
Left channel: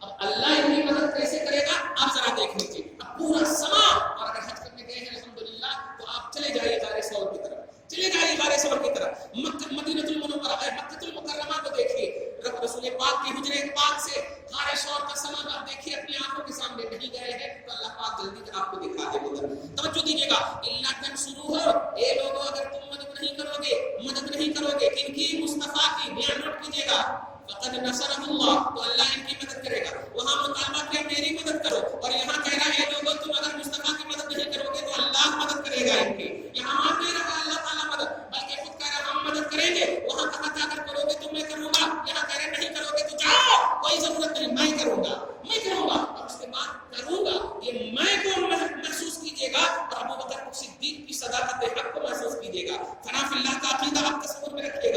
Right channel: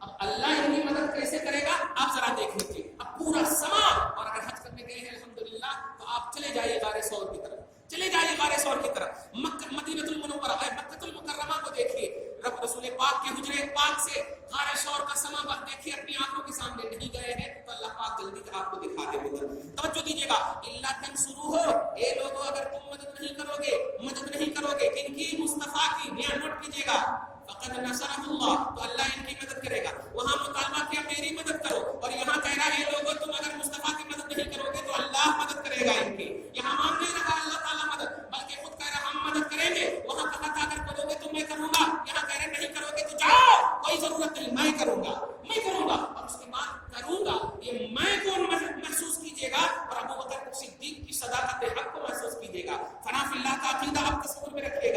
اب اللہ ان کی مدد کیسے کرے گا آپ ذرا دیکھ لیجیے. اب پورا سما اور اگر حج کرنے گئے ہیں الحمدللہ تو آپ چلے جائیے غار ثور کی طرف. مدینہ المنورہ مکہ المکرمہ کو دیکھیے. رب رسول پاک کے حجرے پاک سے غار ثور کا سما دیکھیے اپنی آنکھوں کے سامنے. نہیں گئے ہیں تو اللہ پاک جلدی سے آپ کو دکھا دے گا. توجہ دیجیے گا. الا تنصروه اے لوگوں اگر تم مدد نہیں کرو گے کن کی؟ مصطفیٰ کی. دھیان نوٹ کیجیے گا. فقد نصرہ اللہ تو اللہ ان کی مدد کرے گا. وہاں مطالبہ کیا میری مدد کرو اور یہاں کہہ رہا ہے لوگوں تم اگر مصطفیٰ کی مدد نہیں کرو گے تو اللہ مدد کرے گا ان کی. یہاں مان نہیں رہا اللہ تعالیٰ مدد بلکہ خود کہہ رہا ہم مدد کریں گے. وہاں کہا تھا اگر کرو گے تو میں کروں گا. یہاں کہہ رہے نہیں کرو گے تو جاؤ کوئی ضرورت نہیں میں کروں گا. اور اس کے بعد کروں گا یہ میں کو محسوس کیجیے گا. اور ابو بکر صدیق کی صداقت حق کو محسوس کیجیے گا. فنا فی اللہ کا عقیدہ آپ تصور میں رکھیے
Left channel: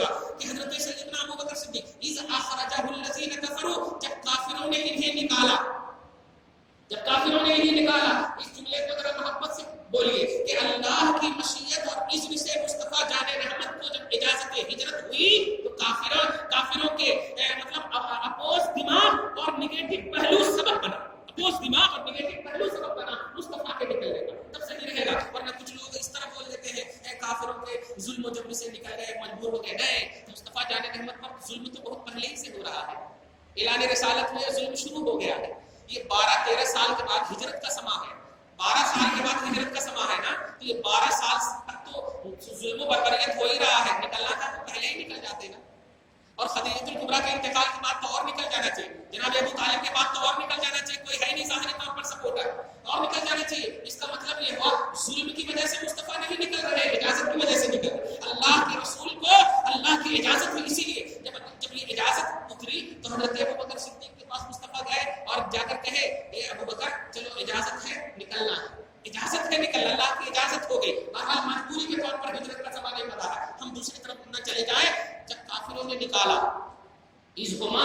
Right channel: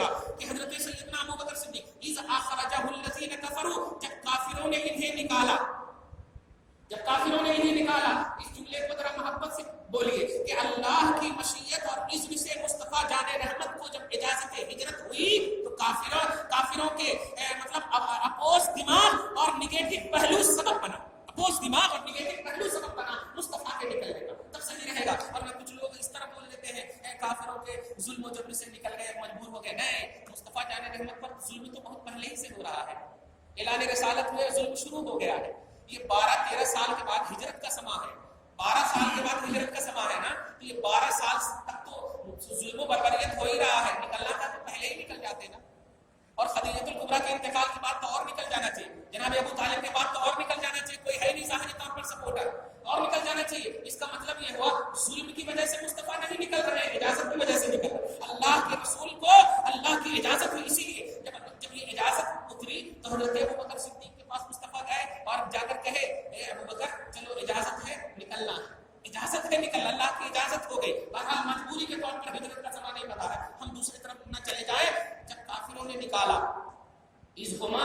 کے ہجرت ہوئی تو کافروں کے مطلب اپوز دماغ اور نگیٹو پہلو سبب بنا، اپوز دماغ اور نگیٹو پہلو سبب بنا مصطفیٰ کے نکلنے کا، تب صحیح رہے گا۔ ورنہ کچھ لوگ اس طرح بول دیتے ہیں کافروں کے ظلم و جبر سے نکل گئے، مجبور ہو گئے۔ نہیں، مصطفیٰ جان رحمت پر ظلم تو بہت پہلے ہی سے ہو رہا ہے، اعلان رسالت میں ظلم شروع ہو گیا ہے۔ یہ 12-13 سال کے بعد ہجرت کا سما ہے، 12 سال کے بعد ہجرت کا سما ہے نا، تو یہ 12 سال تک تو ظلم و بربریت ہو ہی رہا ہے، نکلنا تھا تو پہلے ہی نکل جاتے نا۔ اور خدیجہ الکبریٰ کے انتقال کے بعد تو اور نکل جانا چاہیے، جناب ابو طالب کے بعد تو اور نکل جانا چاہیے، کوئی ہے نہیں ظاہری طور پر سپورٹر، اور نکل جانا چاہیے۔ اس کا مطلب یہ ہوا ظلم کی وجہ سے مصطفیٰ نہیں نکل رہے، اجازت کی وجہ سے نکل رہے۔ اللہ کے رسول کو اللہ کی اجازت ہوئی، اسی لیے جب یہ اجازت اتری تو حضرت ابو بکر صدیق کے پاس مصطفیٰ گئے اور جا کر کہے اے ابو بکر چلو اجازت ہے نکلنا ہے، اجازت ہے نکلنا، اللہ کی اجازت ہو گئی۔ بہرحال مجبوری کے طور پر ہجرت کا سوال نہیں بتا ہے، ہم دوسری طرف نہ چلے جائیں۔ جب کافروں نے نکالا اذہما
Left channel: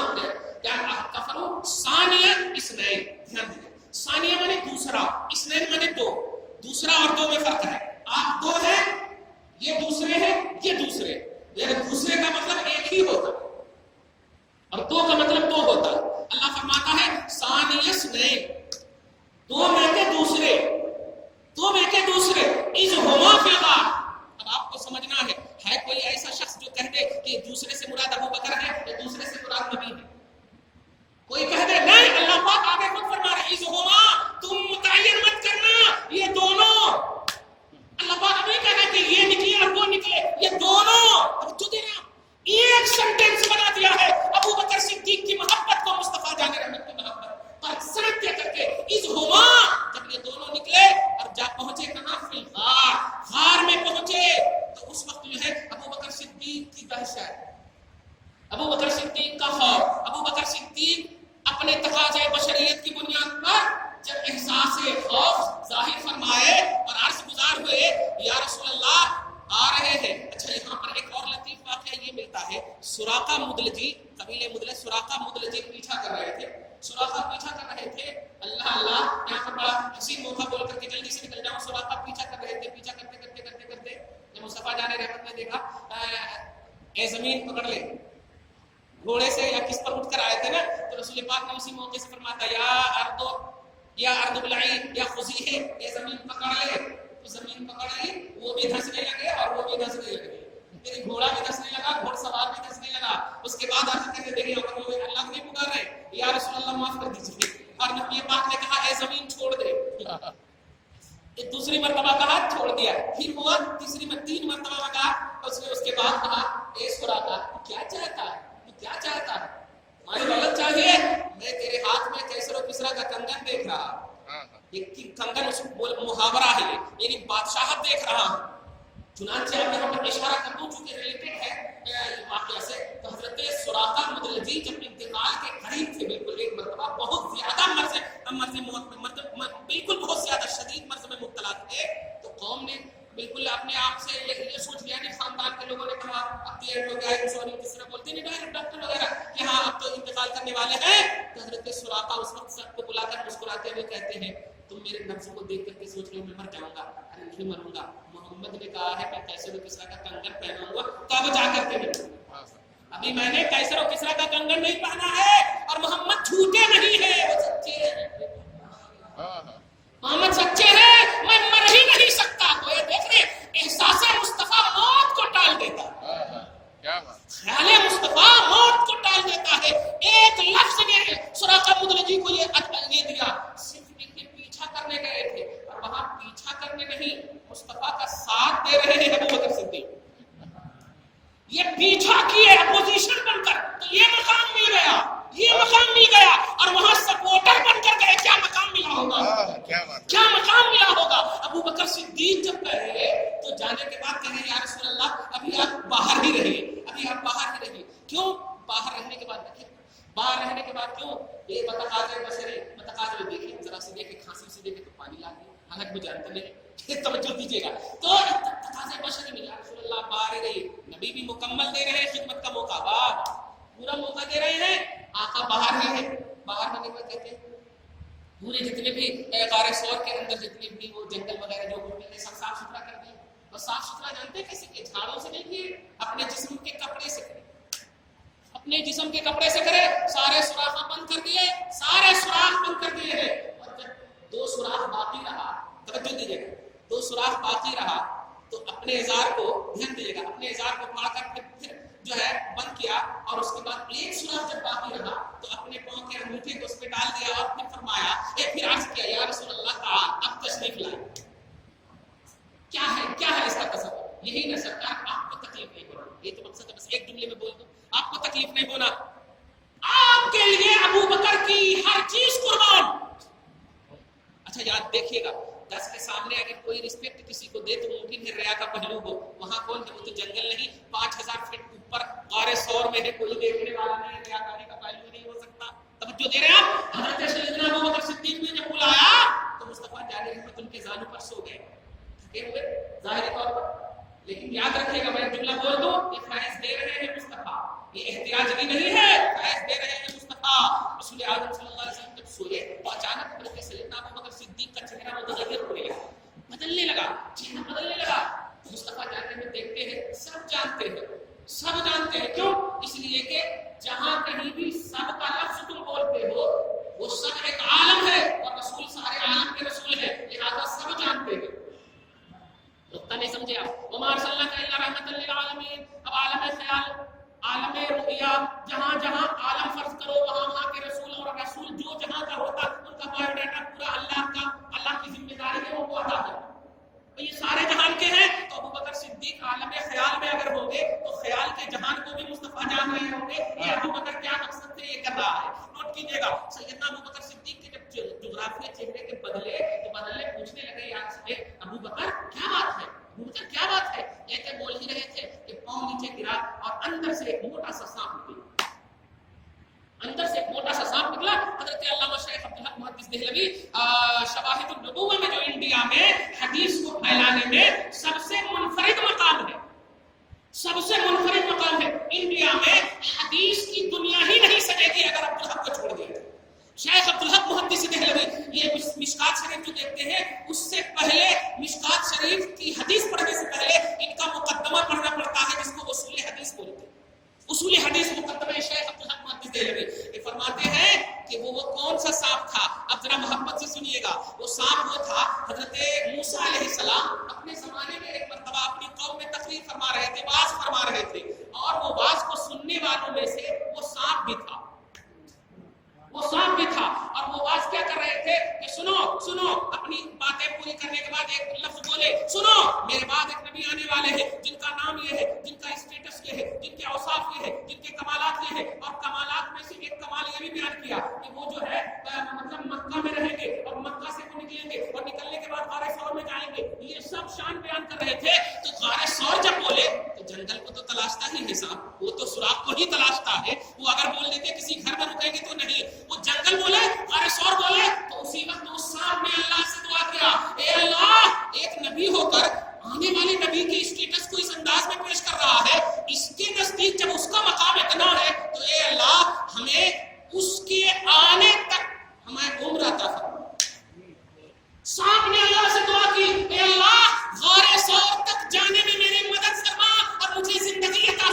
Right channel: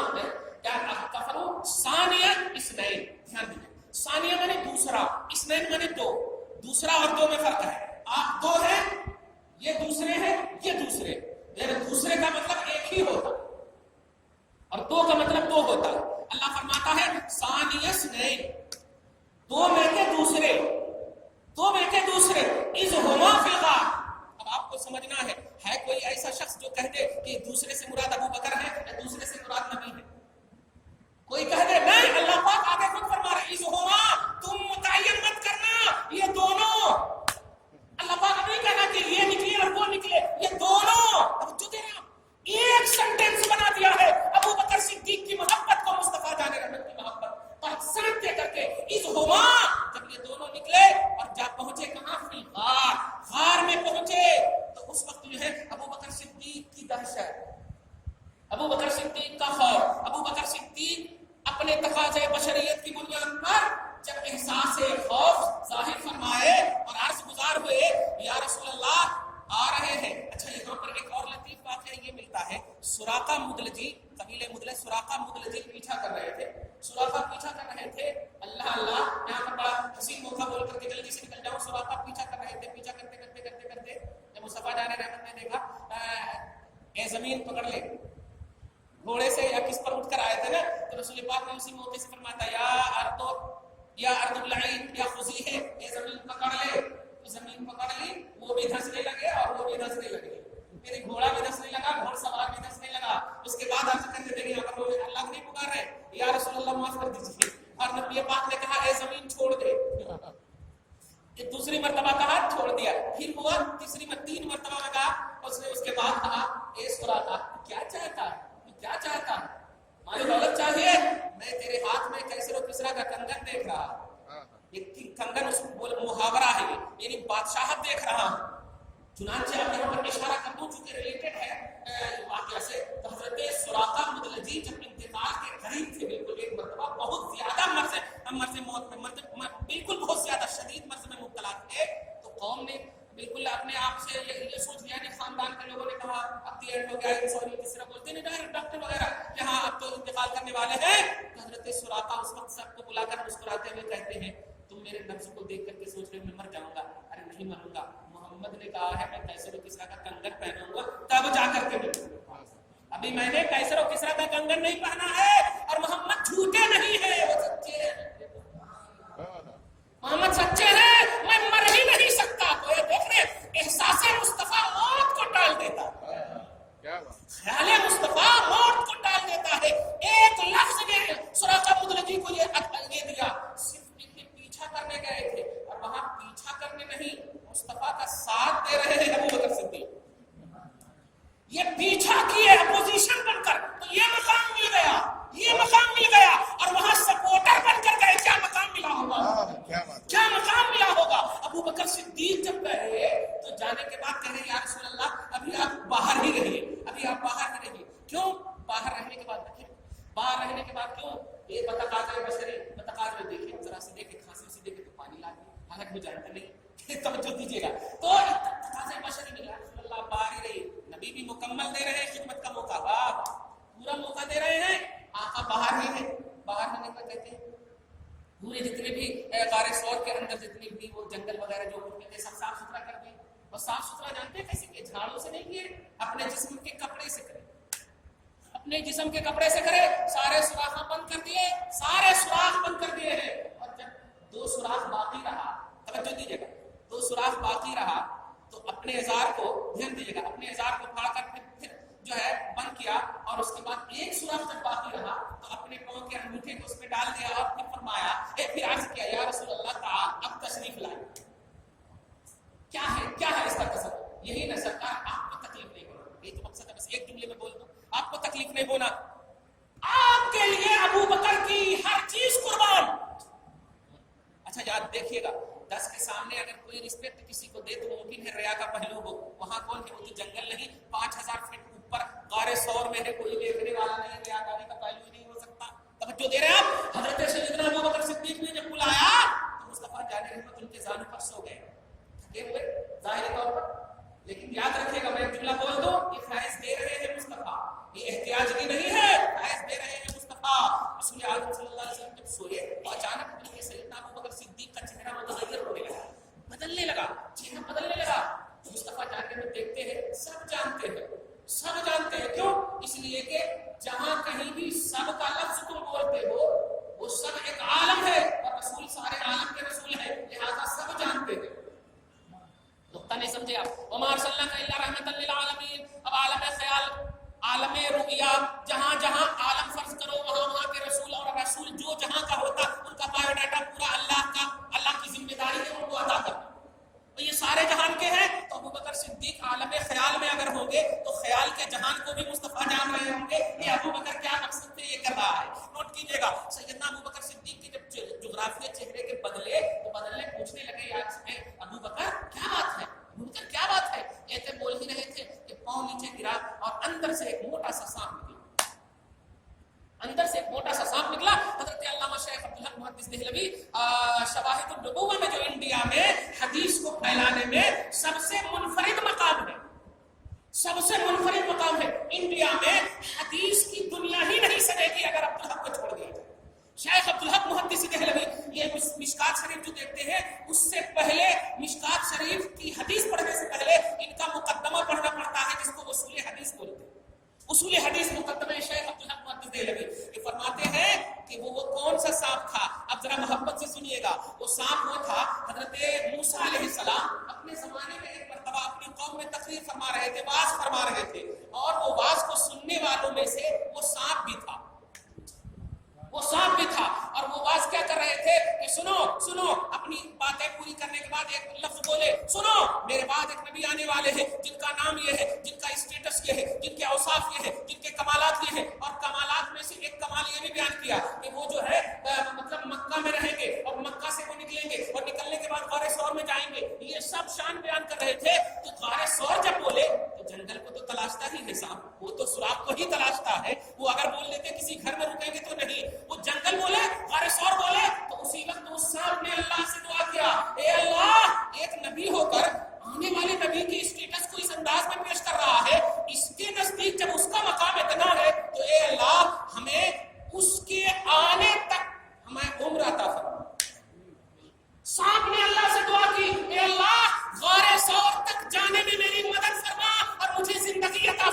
کیا کفروا ثانیہ اثنین، دھیان دیجیے، ثانیہ مانے دوسرا، اثنین مانے دو، دوسرا اور دو میں فرق ہے۔ آپ دو ہیں، یہ دوسرے ہیں، یہ دوسرے، یعنی دوسرے کا مطلب ایک ہی ہوتا اور دو کا مطلب دو ہوتا ہے۔ اللہ فرماتا ہے ثانیہ اثنین، دو میں کے دوسرے، دو میں کے دوسرے، اذہما فی الغار۔ اب آپ کو سمجھنا ہے کوئی ایسا شخص جو کہہ دے کہ دوسرے سے مراد ابو بکر ہے یا دوسرے سے مراد نبی ہے؟ کوئی کہہ دے نہیں، اللہ پاک آگے خود فرما رہے اذہما، تم متعین مت کرنا یہ دونوں، اللہ پاک نہیں کہنا کہ یہ نکلے اور وہ نکلے، یہ دونوں۔ اب جو دینا ایک سینٹنس بنا دیا ہے ابو بکر صدیق کی محبت کو مصطفیٰ جان رحمت کی محبت پر سرد دے کر کے اذہما، جب یہ دونوں نکلے اور جا پہنچے کہاں؟ فی الغار، غار میں پہنچے تو اس وقت جو ہے ابو بکر صدیق کی دہشت، ابو بکر صدیق کا خوف، ابو بکر صدیق اپنے تقاضے بشریت کی بنیاد پر جب احساس خوف ظاہر فرمائے اور عرض گزار ہوئے یا رسول اللہ آ رہے ہیں۔ اچھا یہاں پر ایک اور لطیف واقعہ یہ ملتا ہے، سراقہ مدلجی، قبیلہ مدلج، سراقہ مدلجی پیچھا کر رہے تھے، سراقہ پیچھا کر رہے تھے، اللہ اللہ یہاں پر بڑا حسین موقع بول کر کے جلدی سے نکل جاؤں، سراقہ پیچھا کر رہے تھے، پیچھا کرتے کرتے کرتے کرتے جب مصطفیٰ جان رحمت نے دیکھا اے زمین پکڑ لے، گھوڑے سے یا کس پر اٹھ کر آئے تھے نا، تو رسول پاک نے اسی موقع سے فرماتا یا ارض بلعی یا خزیہ، اے زمین پکڑ لے، تو زمین پکڑ لی، وہ بھی دھسنے لگے اور وہ بھی دھسنے لگے، یعنی گھوڑا بھی دھسنے لگا، گھوڑ سوار بھی دھسنے لگا۔ اس کے بعد عرض کرنے لگے اگر وہ اللہ نہیں پکار رہے یا رسول اللہ معاف کر دیجیے، اور نبی پاک نے کہا اے زمین چھوڑ دے، دوسری مرتبہ کہا چھوڑ دیا، پھر ہوا تیسری تین مرتبہ کہا، اس نے اس کے بعد کہا اے سراقہ کیا چاہتا ہے، کیا چاہتا ہے، مجھے دولت چاہیے، میں تیرے ہاتھ میں کیسر و کسرا کا کنگن دیکھ رہا ہوں، ایک کنگن اس محاورہ ہے یعنی بادشاہت دیکھ رہا ہوں۔ چنانچہ اب یہاں پر اشارہ کر دوں چونکہ ریلیٹڈ ہے واقعہ سے، تو حضرت سراقہ مدلجی جب انتقال کے قریب تھے، بالکل ایک مرتبہ بہت زیادہ مرض موت میں بالکل بہت زیادہ شدید مرض میں مبتلا تھے، تو قوم نے بالکل اپنے آپ سے یہ سوچ لیا کہ خاندان کے لوگوں نے کہا اب تو اینڈ ہو گیا ہے، سوری کس طرح بولتے ہیں ڈائریکٹ ڈاکٹر وغیرہ کہ ہاں اب تو انتقال کرنے والے ہیں، تو حضرت سراقہ اس وقت سب کو بلا کر مسکراتے ہوئے کہتے ہیں تم میرے نفس کو دیکھ کر کے سوچ رہے ہو میں مر جاؤں گا، ارے نہیں مروں گا، محمد نے کہا ہے میں کیسر و کسرا کا کنگن پہنوں گا، تب جا کر کے ابھی میں نے کیسر و کسرا کا کنگن نہیں پہنا ہے، اور محمد جھوٹے نہیں ہے، وہ سچے ہیں، محمد سچے ہیں، میں مر ہی نہیں سکتا۔ تو یہ دیکھیں احساس مصطفیٰ موت کو ٹال دیتا ہے، خیال مصطفیٰ موت کو ٹال دیتا ہے۔ ایک لفظ نے سراقہ مدلجی کو یہ دیا، صرف پیچھا کرنے گئے تھے اور وہاں پیچھا کرنے نہیں، مصطفیٰ کا ساتھ دے رہے ہیں ابو بکر صدیق، یہ پیچھا کیے اپوزیشن بن کر، تو یہ مقام مل گیا، یہ مقام مل گیا، اور وہاں سپورٹر بن کر گئے، کیا مقام ملا ہوگا، کیا مقام ملا ہوگا۔ ابو بکر صدیق جب گئے تو جانے کے بعد کہے یا رسول اللہ ابھی آپ باہر ہی رہیے، ابھی آپ باہر ہی رہیے، کیوں باہر رہنے کے بعد دیکھیں، باہر رہنے کے بعد کیوں، یہ بتقاضے بشری بتقاضے میں دیکھیں، ذرا سے دیکھیں، کھانسی سے دیکھیں تو پانی لا دیں، حالانکہ میں جانتا نہیں، توجہ دیجیے گا، تو تقاضے بشری میں یا رسول اللہ باہر ہی رہیے، نبی بھی مکمل دے رہے ہیں خدمت کا موقع، واہ پورا موقع دے رہے ہیں، آقا باہر ہی ہے، باہر ہونے کا کہتے ہیں پورے جتنے بھی غار ثور کے اندر جتنے بھی وہ جنگل وغیرہ جو ہوتے ہیں سب صاف ستھرا کر دیں، اور صاف ستھرا جانتے ہیں کیسے کہ جھاڑوں سے نہیں کیے، اپنے جسم کے کپڑے سے کرے، اپنے جسم کے کپڑے سے کرے، سارے سوراخ بند کر دیے، سارے سوراخ بند کر دیے ہیں، اور جب 2 سوراخ باقی رہا، توجہ دیجیے گا، 2 سوراخ باقی رہا تو اپنے ازار کو دھیان دیجیے گا، اپنے ازار کو پھاڑ کر پھر جو ہے بند کیا، اور اس کے بعد 1 سوراخ جب باقی رہا تو اپنے پاؤں کے انگوٹھے کو اس پہ ڈال دیا، اور پھر فرمایا، پھر عرض کیا یا رسول اللہ تعالی اب تشریف لائے۔ کیا ہے اس کا تصور؟ یہی نہ سرکار آپ کو تکلیف نہیں ہونا، یہ تو مقصد ہے، بس ایک جملے میں بول دو، آپ کو تکلیف نہیں ہونا، آپ کے لیے ابو بکر کی ہر چیز قربان۔ اچھا یاد دیکھیے گا، 10 کے سامنے اگر کوئی رسپیکٹ کسی کو دے تو ممکن ہے ریا کا پہلو ہو، وہاں کون ہے؟ وہ تو جنگل نہیں، 5000 فٹ اوپر غار ثور میں ہے، کوئی دیکھنے والا نہیں ہے، ریا کاری کا پہلو نہیں ہو سکتا۔ توجہ دے رہے ہیں آپ؟ حضرت سیدنا ابو بکر صدیق نے جب بلایا تو مصطفیٰ جان رحمت ان کے زانو پر سو گئے، تھکے ہوئے ظاہری طور پر، لیکن یاد رکھیے گا، میں جملہ بول دوں، یہ فیض دے رہے ہیں مصطفیٰ، یہ احتیاج بھی نہیں ہے، فیض دے رہے ہیں مصطفیٰ۔ رسول اعظم صلی اللہ علیہ وسلم جب سوئے تو اچانک حضرت سیدنا ابو بکر صدیق کا چہرہ متغیر ہونے لگا، بدلنے لگا، چہرہ بدلنے لگا۔ مصطفیٰ جاننے میں دیکھتے ہیں، سب جانتے ہیں، کیوں؟ اس لیے کہ جہاں کہیں بھی سب کا لفظ تم بولتے ہو وہ سب ایک عالم ہے، اور رسول سارے عالم کے رسول ہیں، لہذا سب جانتے ہیں۔ نقطہ نہیں سمجھے آپ؟ وما ارسلناک الا رحمۃ للعالمین۔ اب عالم خیال، عالم رؤیا، جہاں جہاں عالم فرض کرو وہاں کے رسول، اور رسول جو جہاں کا ہوتا ان کا بایو ڈاٹا پورا اللہ کی ذمہ داری ہے ان کو ادا کرنا، تو یہ سارے جہان کے ہیں، تو ابو بکر صدیق عالم خیال میں اگر ہوں گے تو خیال کے جہان کو بھی مصطفیٰ جان رہے ہوں گے، یہ ابو بکر کیا مقصد سے یہ کر رہا ہے۔ نوٹ کیجیے گا، سیدنا ابو بکر صدیق کے جب جغرافیہ چہرے کے بدلے پوچھنے لگے یار سے، ابو بکر کیا بات ہے، ابو بکر کیا بات ہے؟ کہتے بول ہی رہے تھے کہ پاؤں نیچے گرا اور اندر سے ایک موٹا سا سانپ نکلا، حضرت علامہ شیخ عبدالحق محدث دہلوی شواہد النبوہ میں جو انڈیا میں حدیث کو پھیلانے میں سب سے منفرد مقام ہے، انڈیا میں حدیث کی دنیا ہی نہیں سجے گی اگر عبدالحق کو چھوڑ دیا۔ شیخ عبدالحق محدث دہلوی یہ مشکات شریف جو دیکھتے ہیں، اس سے پہلے مشکات شریف کی حدیث پڑھنے سے پہلے ان کا مقدمہ پڑھنا پڑتا ہے، جس کو اصول حدیث بولتے ہیں۔ اصول حدیث مقدمہ شیخ عبدالحق محدث دہلوی یہ فرماتے ہیں کہ وہ کون سا سانپ تھا؟ اب ذرا محبت سے سنیے گا، وہ سانپ وہ تھا، حضرت موسیٰ علیہ السلام اپنے زمانے میں ایک مرتبہ اپنی قوم میں تقریر فرما رہے تھے، واعظ فرما رہے تھے، اور وہ واعظ کو سننے والوں میں سے وہ سانپ بھی تھا، اور وہ واعظ کیا کر رہے تھے کہ سنو، اپنی باتیں پوری کرنے کے بعد ایک لفظ بولے، سنو میرے بعد ایک نبی آنے والے ہیں جن کا نام یہ ہے، جن کا اسٹیٹس یہ ہے، جن کے اوصاف یہ ہے، جن کے کمالات یہ ہے، اور کمالات میں سے ایک کمال یہ بھی بیان کیا کہ وہ جو ہے مطلب مکہ میں رہیں گے، اور مکہ سے وہ نکلیں گے، اور نکلنے کے بعد غار ثور میں جائیں گے، یہ سب شان بیان کر رہے تھے۔ تو غار ثور جب بولے تو جنگل کو تو تلاشتا ہی ہے صاحب، وہ تو سوراخ کو ہی تلاشتا ہے، وہ اگر بول دیتے کسی گھر میں رکیں گے تو نہیں، وہ جنگل بولے، غار ثور بولے، تو اسی وقت اس سانپ نے اللہ سے دعا کیا، اے اللہ، ایک نبی ہو کر آنے والے نبی کے اسٹیٹس کو اس انداز میں پیش کر رہا ہے، اس کے نزدیک جب اس کا مقام اتنا ہے تو اے اللہ ہمیں اس کے آنے تک ہمیں عمر عطا فرما۔ سانپ نے اللہ سے دعا کی، اے اللہ غار ثور تک جانے میں میری مدد فرما اور مجھے زندگی عطا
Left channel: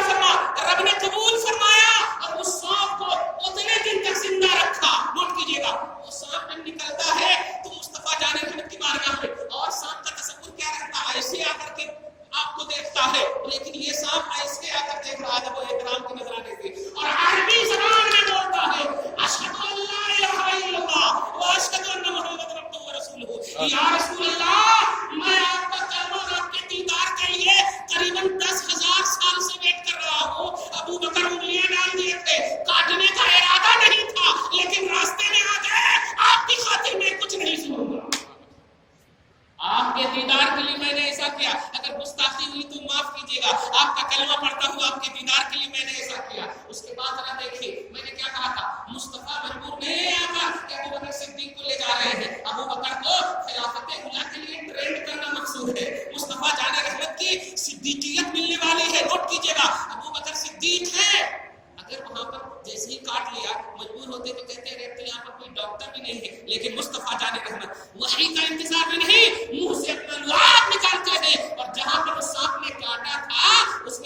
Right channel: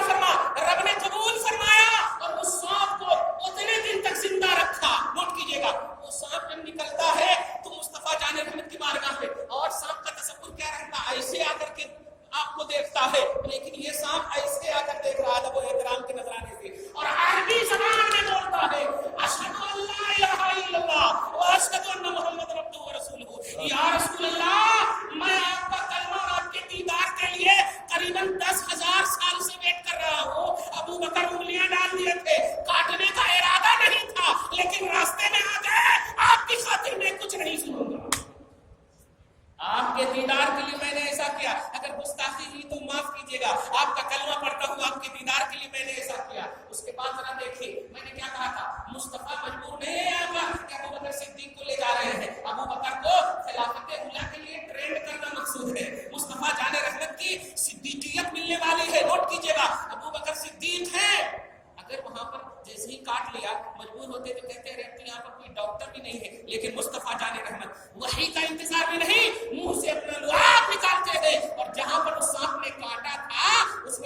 فرما، رب نے قبول فرمایا اور اس سانپ کو اتنے دن تک زندہ رکھا۔ نوٹ کیجیے گا، وہ سانپ جب نکلتا ہے تو مصطفیٰ جان رحمت کی بارگاہ میں، اور سانپ کا تصور کیا رہتا ہے؟ ایسے آ کر کے آپ کو دیکھتا ہے، لیکن یہ سانپ ایسے آ کر دیکھ رہا ہے وہ احترام کے نذرانے سے، اور عربی زبان میں بولتا ہے، اشہد ان لا الہ الا اللہ واشہد ان محمد عبدہ ورسولہ، یا رسول اللہ میں آپ کا کلمہ اور آپ کے دیدار کے لیے قریباً 10,000 سال سے ویٹ کر رہا ہوں۔ ابو بکر انگلیاں ڈال دیے تھے، کاٹنے کا ارادہ نہیں تھا، لیکن راستے میں آ گئے، آپ کی خاطر میں کچھ نہیں سنوں گا، آپ کے دیدار کے لیے میں نے ایسا کیا، اگر گستاخی ہوئی تو معاف کیجیے گا، آپ کا کلمہ پڑھتا ہوں آپ کے دیدار کے لیے میں نے ایسا کیا۔ اس کے بعد ذرا دیکھیے میں نے کیا کہا تھا، مصطفیٰ مجبور نہیں آیا کہ ابو بکر صدیق کو لے جا رہے ہیں، ابو بکر کو خلافت اولیٰ کے لیے ٹرینڈ کرنا مقصود ہے، مصطفیٰ جان رحمت کی صدیقیت ملنے والی ہے۔ نوٹ کیجیے گا، ابو بکر صدیق ہے، اگر وہاں پر جیسے ہی کاٹ لیا مجبور ہوتے تو کہتے ہیں یہاں پر کوئی ڈاکٹر بھی نہیں ہے، لیکن مصطفیٰ جان رحمت وحی کا انتظار بھی نہیں، منہ سے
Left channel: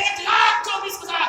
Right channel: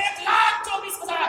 1,24,000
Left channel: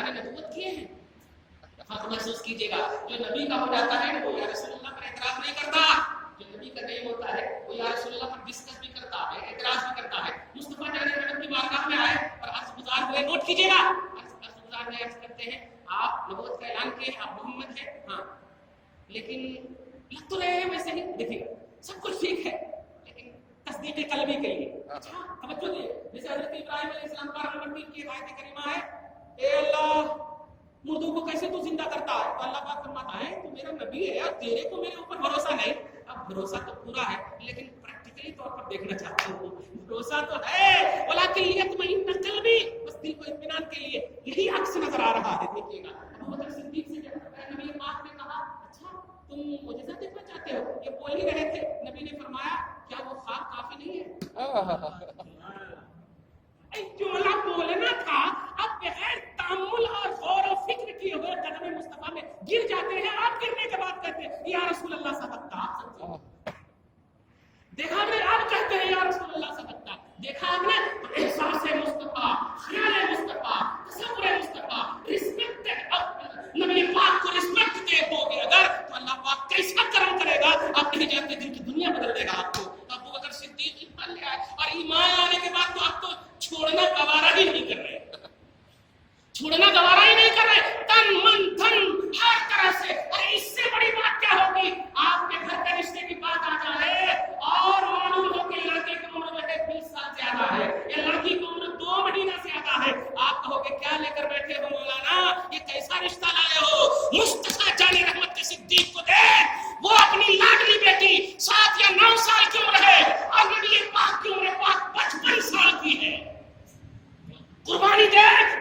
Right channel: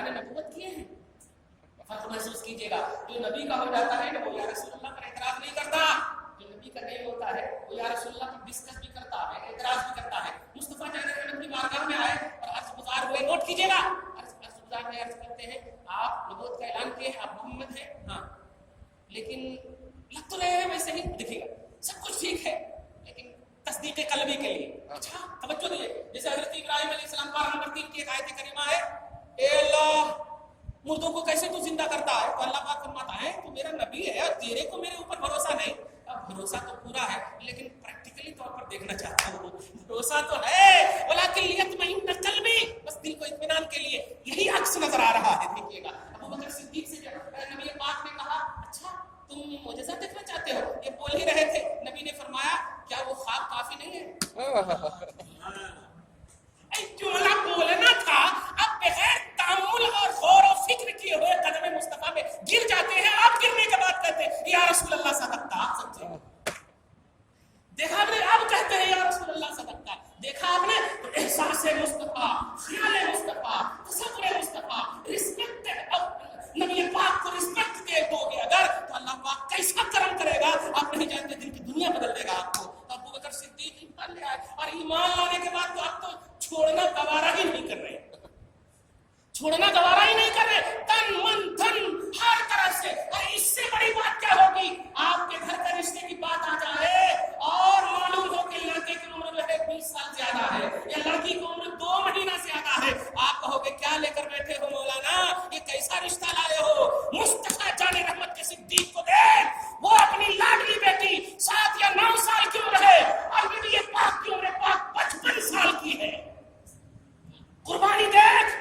اللہ نے نبوت کیے ہیں. فرق محسوس کیجیے گا. جو نبی کا ہو جاتا ہے وہ یا رسول اللہ پر اعتراض نہیں کرتا. جو نبی کا نہیں ہوتا ہے وہ یا رسول اللہ پر ڈسکس بھی کرتا ہے, اعتراض بھی کرتا ہے. مصطفیٰ جان رحمت کی بارگاہ میں آئے اور عرض گزار ہوئے. نوٹ کیجیے گا, عرض گزار میں عرض کرتے ہیں آپ نبوت کا اعلان کیے, آپ محمد ہیں, ہاں, لیکن لگ تو رہے ہیں ویسے ہی. دیکھیے گا سب کچھ ٹھیک ہے لیکن تصدیق قلبی کے لیے. اچھا توجہ دیجیے. جیسے حضرت ابراہیم علیہ السلام کا نمبر 3 کی ایک آیت کریمہ ہے, اے اللہ مردوں کو کیسے تو زندہ کرتا ہے؟ تو اللہ پاک فرماتا ہے تو میرا نبی ہے اور تیرے کو میرے اوپر بھروسہ نہیں. اب بھروسہ تو پورا ہے لیکن پریکٹیکلی طور پر دیکھنا چاہتا ہوں. بھروسہ تو ہے ولکن لیطمئن قلبی, بس دل کو اطمینان کے لیے. یہی عکس نظر آ رہا ہے. دیکھیے گا ابو بکر صدیق سے جب نبی پاک نے کہا اچھا تم معجزہ دیکھنا چاہتے ہو, یہ بول ہی رہے تھے, نبی نے فرمایا کیا وہ خواب کافی نہیں ہے؟ جملہ بولنا تھا, اب بغیر تأمل اور غور و فکر کیے ہوئے قدم مصطفیٰ میں گر جاتے ہیں. آپ گرنے کے بعد کہتے ہیں یا رسول اللہ صدقت. آپ سمجھے, دیکھا آپ نے, آپ کہتے ہیں یا رسول اللہ صدقت. دیکھا آپ نے تو احساس مصطفیٰ, خیال مصطفیٰ, تصور مصطفیٰ, رسپیکٹ. اب نبی پاک کو رسپیکٹ دے دو گے اگر تو اللہ پاک کیسا کرم کرے گا, آپ نہیں جانتے دل کی دنیا بدل دے گا آپ کو. ابو بکر صدیق ایمان لے آئے اور ایمان لانے کے بعد تو اب تو چھوڑنا گوارا ہی نہیں کر رہے, چھوڑنا گوارا ہی نہیں کر رہے. تن من دھن ہر طرح سے. اور اس سے بڑی بات کیا ہوگی, آپ کے گھر کے رشتے کی بات آ جائے اور معلوم ہو کہ لڑکے کی عمر میں 20 سال زیادہ ہے یا لڑکی کی عمر 2 مہینہ زیادہ ہے, آپ کہو گے کیا لے کر بیٹھے ہو مولانا, یہ کیسا رشتہ لائے ہو. مصطفیٰ جان رحمت کے صدیق کو دیکھ, وہ اپنی لاڈلی بیٹی 7 یا 9 سال کی عمر ہے اور نبی پاک کی عمر پاک 55 سال کی ہے. قربانی دیکھ,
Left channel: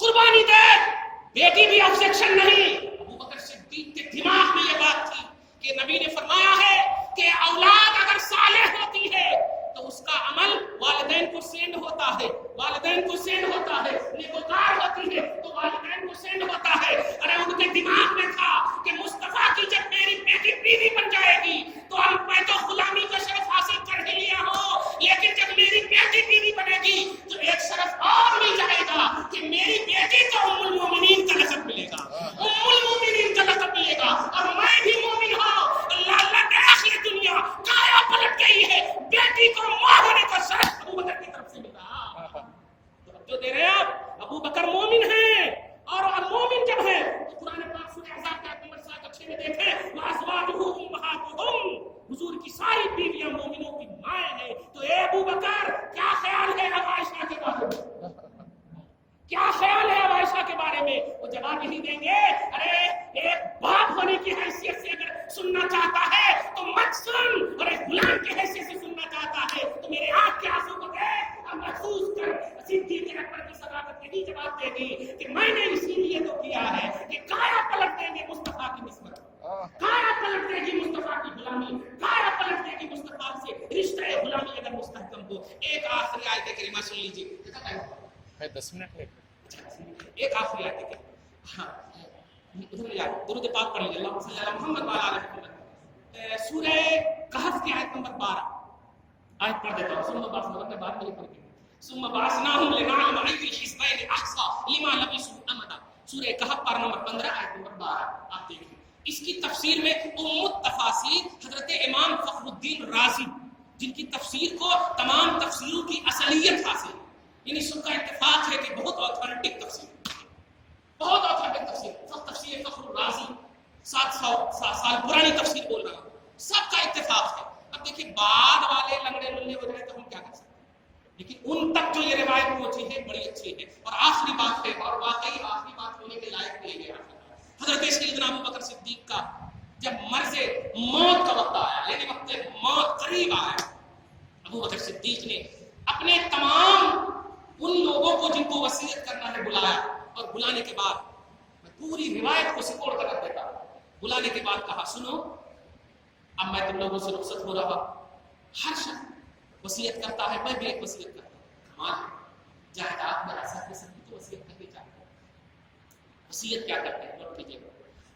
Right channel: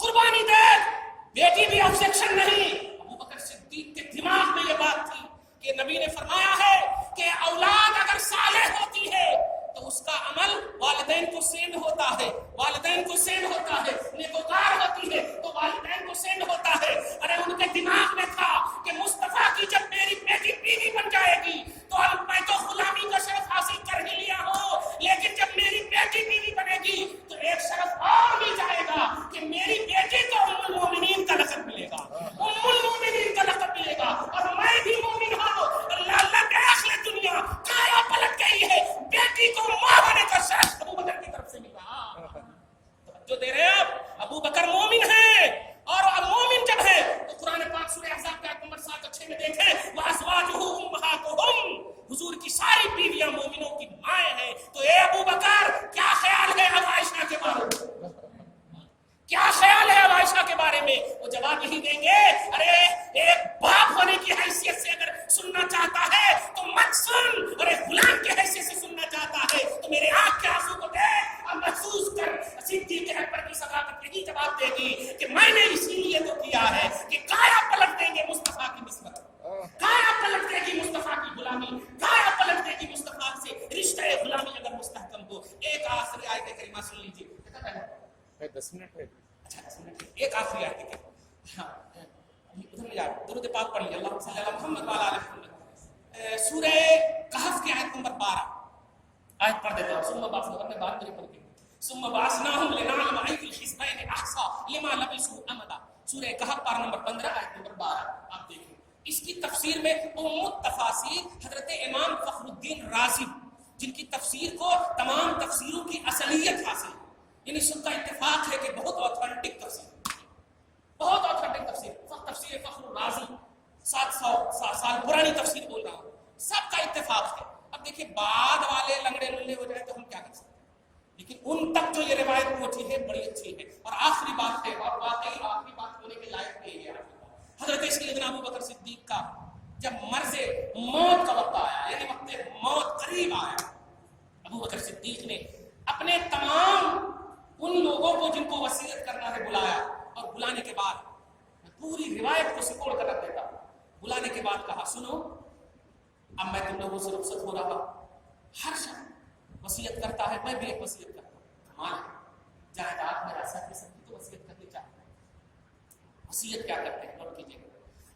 قربانی دیکھ. بیٹی بھی آبجیکشن نہیں. ابو بکر صدیق کے دماغ میں یہ بات تھی کہ نبی نے فرمایا ہے کہ اولاد اگر صالح ہوتی ہے تو اس کا عمل والدین کو سینڈ ہوتا ہے, والدین کو سینڈ ہوتا ہے. نیکوکار ہوتی ہے تو والدین کو سینڈ ہوتا ہے. ارے ان کے دماغ میں تھا کہ مصطفیٰ کی جب میری بیٹی بیوی بن جائے گی تو میں تو غلامی کا شرف حاصل کر ہی لیا ہو, لیکن جب میری بیٹی بیوی بنے گی تو ایک شرف اور مل جائے گا کہ میری بیٹی کو ام المومنین کا لقب ملے گا, ام المومنین کا لقب ملے گا, اور میں بھی مومن ہوں. اللہ کے آخر دنیا کایا پلٹ گئی ہے, بیٹی کو ماں ہونے کا شرف ابو بکر کی طرف سے ملا. جو دے رہے ہیں آپ, ابو بکر مومن ہیں, اور مومن جب ہے تو قرآن پاک سورہ احزاب کے آیت نمبر 7 میں دیکھیں وَأَزْوَاجُهُ أُمَّهَاتُهُمْ, حضور کی ساری بیویاں مومنوں کی مائیں ہیں. تو اے ابو بکر کیا خیال ہے اب عائشہ کے بارے میں, کیا خیال ہے اب عائشہ کے بارے میں؟ وہ جواب نہیں دیں گے. ارے ایک باپ ہونے کی حیثیت سے اگر سننا چاہتا ہے تو مت سن, اور ایک غلام کی حیثیت سے سننا چاہتا ہے تو میرے آنکھ کے آنسو کو دیکھ اور محسوس کر. صدیق اکبر کی صداقت یہی جواب دے گی کہ میں نے اسی لیے تو کیا ہے کہ کایا پلٹ دیں گے مصطفیٰ کی نسبت, کایا پلٹ دے گی مصطفیٰ کی غلامی, کایا پلٹ دے گی مصطفیٰ سے رشتہ غلامی اگر مستحکم ہو. ایک آخری آیت کریمہ سن لیجیے, 10 منٹ ہے. ایک آخری آیت ہے, ہاں ادھر یار درود پاک پڑھ لیجیے, اللہم صلی علی محمد وعلی آل محمد. سورہ کہف کی آیت نمبر 12 آیت پڑھ دیتا ہوں. ثم بعثناہم میں بات میری پڑھ کے ثم بعثناہم لنعلم ای الحزبین احصی لما لبثوا امدا. سورہ کہف پارہ نمبر 15 آیت نمبر 12 آپ دیکھیں. اس کی تفسیر میں ام التفاسیر حضرت امام فخر الدین رازی, جن کی تفسیر کو تمام تفسیروں کی اصلیت حاصل ہے, یعنی سب کا اتفاق ہے کہ بہت آتھینٹک تفسیر, بہت آتھینٹک تفسیر. تفسیر فخر الرازی 700 سال پرانی تفسیر بول رہا ہوں, سب کا اتفاق ہے. اب دیکھیں بعد والے لنگڑے للے ہو جائے تو ہم کیا کر سکتے ہیں, لیکن ان تک جو یہ روایت پہنچی ہے بڑی اچھی ہے. اور آخری بات ہے, اور واقعی آخری بات ہونے کے لائق بھی ہے, حضرت سیدنا ابو بکر صدیق کا جب مرض موت کا وقت آیا, یعنی وقت موت قریب آیا, ابو بکر صدیق نے اپنے تمام ان لوگوں کو جن کو وصیت کرنا ہے بلایا, اور بلانے کے بعد میں پوری روایت کو سپوڑ کر رکھ دیتا ہوں. بلانے کے بعد کہا سنو اب میں تم لوگوں سے رخصت ہو رہا, ہر شخص وصیت کرتا ہے, میں بھی ایک وصیت کرتا ہوں. کمال ہے, جائیداد میرا سب کے سبھی کو وصیت کرنی چاہیے. وصیت کیا کرتے ہیں نوٹ کیجیے.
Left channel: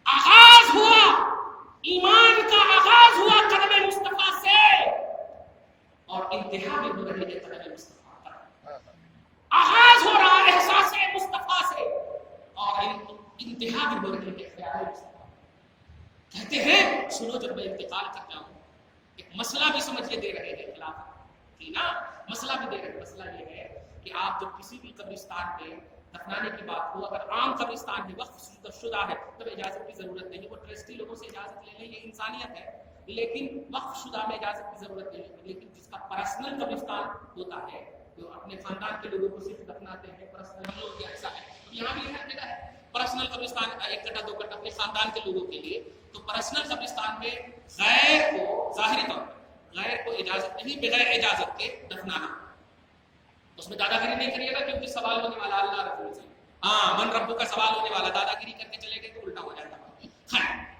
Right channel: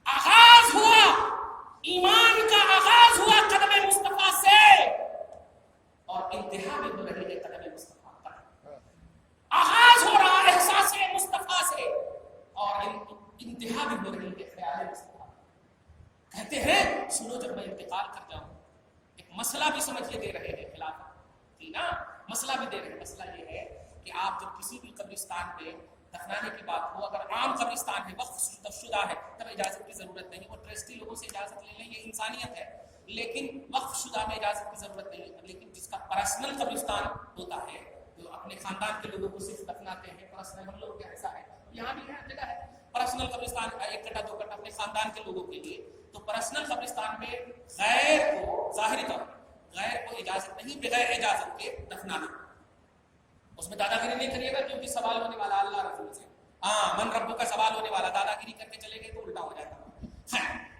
آغاز ہوا ایمان کا, آغاز ہوا قدم مصطفیٰ سے, اور انتہا بھی ہو رہی ہے قدم مصطفیٰ کا. آغاز ہو رہا ہے احساس مصطفیٰ سے, انتہا بھی ہو رہی ہے خیال مصطفیٰ. کہتے ہیں سنو جب میں انتقال کر جاؤں ایک مسئلہ بھی سمجھیے دے رہے ہیں خلاف کی نا, مسئلہ بھی دے رہے ہیں. مسئلہ یہ ہے کہ آپ جب کسی بھی قبرستان پہ دفنانے کی بات ہو, اگر عام قبرستان ہے وقف شدہ ہے تب اجازت کی ضرورت نہیں, وہ ٹرسٹی لوگوں سے اجازت لے لیں, یہ انسانیت ہے. لیکن وقف شدہ میں اجازت کی ضرورت نہیں ہے. لیکن جس کا پرسنل قبرستان ہوتا ہے جو اپنے خاندان کے لوگوں کو صرف دفناتے ہیں, پرسنل ہم لوگ کے ایسا ہے, یہاں بھی ہے جگہ ہے پرسنل قبرستان, ایک کٹا دو کٹا اپنے خاندان کے لوگوں کے لیے. تو پرسنل قبرستان میں غیر کو ظاہری طور غیر کو اجازت نہیں, بغیر اجازت کے دفنانا. اس میں دادا گیری نہیں کریے گا کیونکہ سوال ہونے والا اللہ رسول سے, ہاں من ربو کا سوال ہونے والا, دادا گیری کر کے چلے گئے تو الٹا ہو جاتا.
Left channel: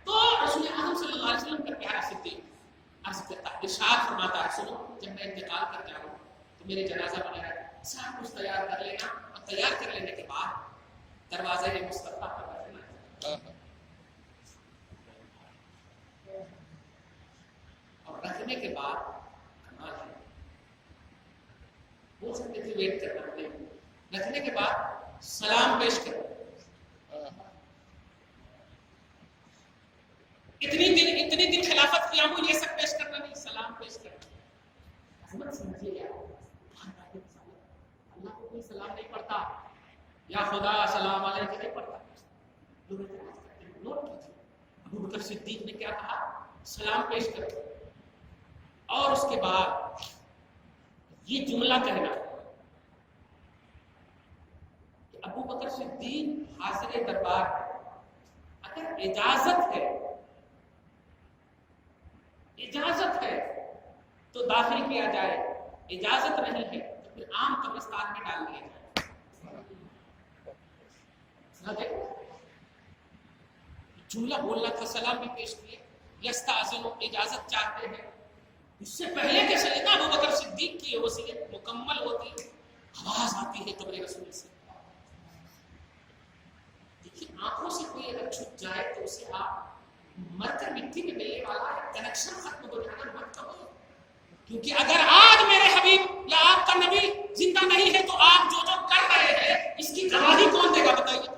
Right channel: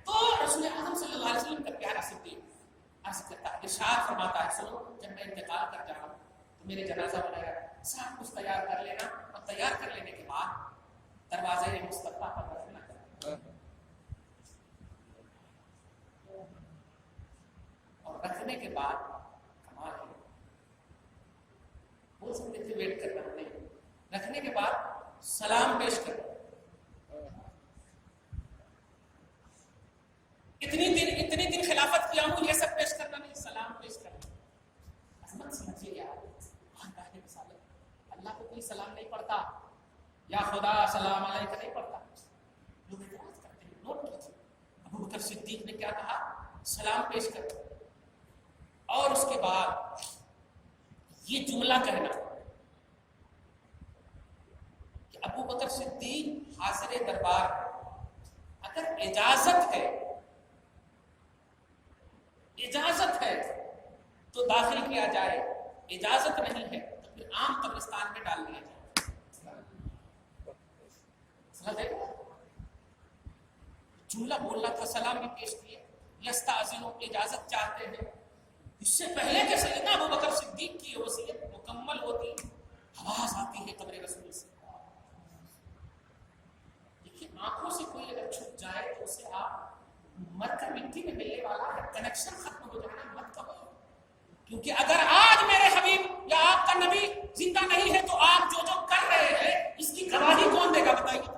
تو رسول اعظم صلی اللہ علیہ وسلم کا پیارا صدیق عرض کرتا ہے, ارشاد فرماتا ہے سنو جب میں انتقال کر جاؤں تو میرے جنازہ وغیرہ سب کچھ تیار کر لینا, اور تیار کر لینے کے بعد دروازے میں مصطفیٰ پر رکھنا, اور رکھنے کے بعد کمال ہے, بول سکتے تھے ویٹ کرنا نہیں, رکھنے کے بعد سلام پیش کرو. اتنی دن خلافت کیا ہوں, یہ سب پیش کرنا نہیں, سلام پیش کرنا. عظمت سمجھیے گا اللہ کو کوئی سلام نہیں پڑھتا, یا خدا سلام علیکم نہیں پڑھتا. لوگ اعتراض کرتے ہیں, نوٹ کیجیے ابو بکر صدیق نے کیا کہا, سلام پیش کرو. اور اس کے بعد یہ جملہ کہنا کہ ابو بکر صدیق حاضر دربار, اگر اجازت ہے تو داخل کیا جائے, اجازت نہیں ہے تو پھر عام قبرستان میں ڈال دیا جائے. جملہ بولنا تھا, سلام بھی پیش کیے, یستاذنو اجازت چاہتے ہیں. اس سے پہلے کہ سیدنا ابو بکر صدیق کی وصیت مکمل ہوتی آواز آتی ہے قبر رسول سے. دیکھیے آنکھوں سے کوئی اگر چھپ جائے تو اسے آپ مر کر مٹی میں ملنے والا ہے, کنیکشن ختم ہو جانا مت کہو. کیونکہ اگر آج میرے حبیب یا آپ کا نبی زندہ نہیں ہے تو آپ جو کر رہے ہیں اس کی گواہی کون دے گا بتائیے.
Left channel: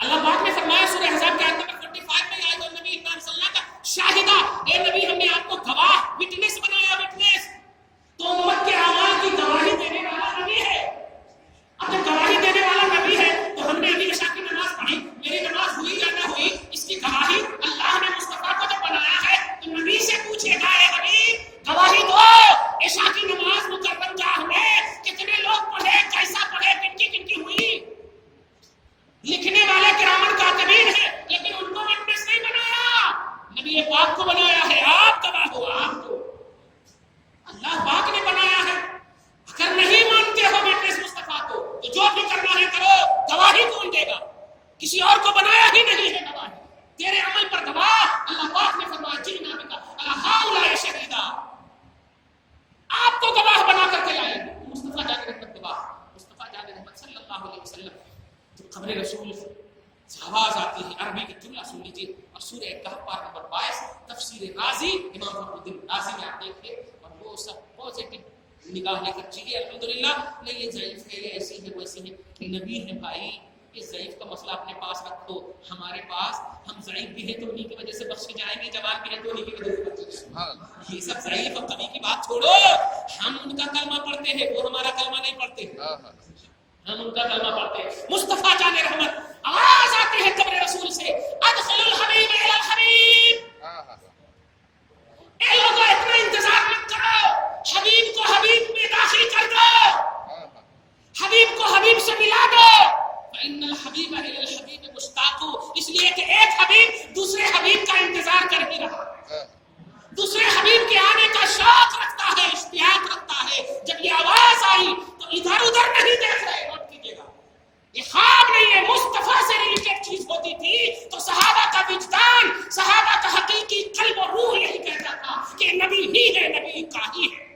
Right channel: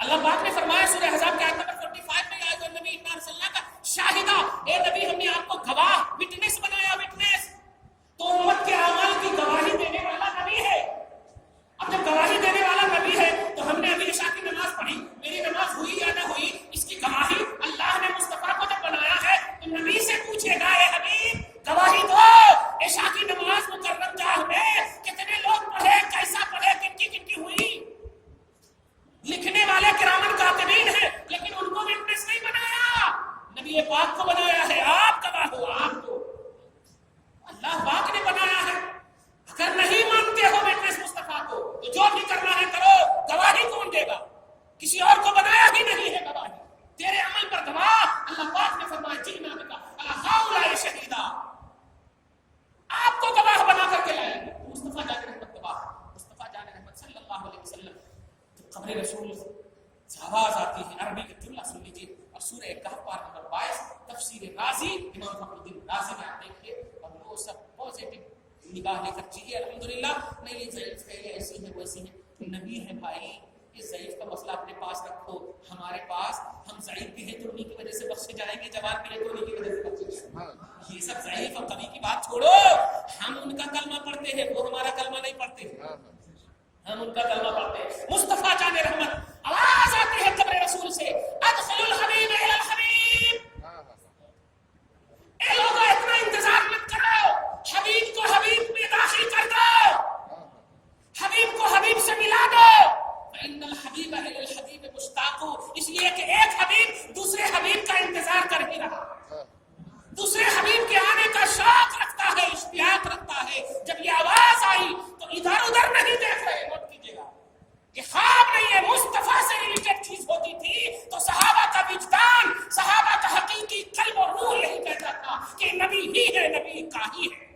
اللہ پاک نے فرمایا سورہ احزاب کے آیت نمبر 45 میں, یا ایھا نبی انا ارسلناک شاہدا, اے نبی ہم نے آپ کو گواہ وٹنس بنایا. وٹنس تو امت کے اعمال کی گواہی دینے والا نبی ہے. اب جب گواہی دینے والا نبی ہے تو ہم نے ابھی عشاء کی نماز پڑھی, میری نماز ہوئی یا نہ ہوئی اس کی گواہی اللہ نے مصطفیٰ کو جب بنایا ہے تو نبی سے پوچھے گا, اے حبیب گواہی دو عشاء کی نماز مکرم جاہ میں کتنے لوگ پڑھے, کیسا پڑھے, کن کی ہوئی. لکھنے والے کرامن کاتبین ہیں لیکن ان کو وٹنس نہیں بنایا, نبی پاک کو بنایا ہے. آپ گواہ ہو, آپ کو اللہ پاک نے بنایا ہے. اگر نہیں مانتے ہو وٹنس مصطفیٰ کو تو جو بھی کرنا ہے کرو, گواہی کون دے گا؟ کسی اور کو بنایا ہی نہیں ہے گواہی. تیرے عمل پر گواہ اللہ پاک نے فرمایا جینا بکا اللہ ہؤلاء شہیدا, آپ کو گواہ بنا کر کے لائیں. مصطفیٰ جان رحمت گواہ, مصطفیٰ جان رحمت صلی اللہ علیہ وسلم جب قبر رسول سے آواز آتی ہے, عربی کے جملہ سن لیجیے, اور سورہ کہف پارہ نمبر 22 تفسیر رازی امام فخر الدین رازی میں آپ دیکھیے, اور وہ سب پازیٹو نگاہ لے کر چاہیے الحمدللہ. نہیں یہ ضعیف ہے, یہ ایسی ہے, ویسی ہے, نبی ہے بھائی. یہ ضعیف کا مسئلہ اپنے پاس رکھو, ہمارے پاس ہم ضعیف بھی ہیں تو انہیں کی وجہ سے بخشے جائیں گے, جوان بھی ہیں تو انہیں کی وجہ سے بخشے جائیں گے. یہ سب ضعیف اور کمی کی بات چھوڑو, ہم ان کا کلمہ پڑھتے ہیں, وہ ہمارا کلمہ نہیں پڑھتے, ہم ان کا کلمہ پڑھتے ہیں. مصطفیٰ جان رحمت آواز آتی ہے قبر رسول سے, ادخلوا الحبیب الی الحبیب. اے لوگوں اتنا انتظار مت کرو, حبیب کو حبیب میں داخل کر دو, حبیب کو حبیب سے ملا دو. فإن الحبیب الی الحبیب مشتاق, اس لیے کہ ایک حبیب دوسرے حبیب کا انتظار کر ہی رہا ہے, دوسرے حبیب کے آنے کا شوق رکھتا ہے, اشتیاق رکھتا ہے. جب یہ آواز آئی تو ادھر ادھر نہیں دیکھ رہے, نوٹ کیجیے گا, یہ خواب نہیں ہے. مصطفیٰ سے ریلیٹڈ چیز ہوتی تھی تو صحابہ کا وجدان, صحابہ کا حقیقی قلب و روح یہی کہتا تھا کہ نبی ہی ہے, نبی کا ہی ہے.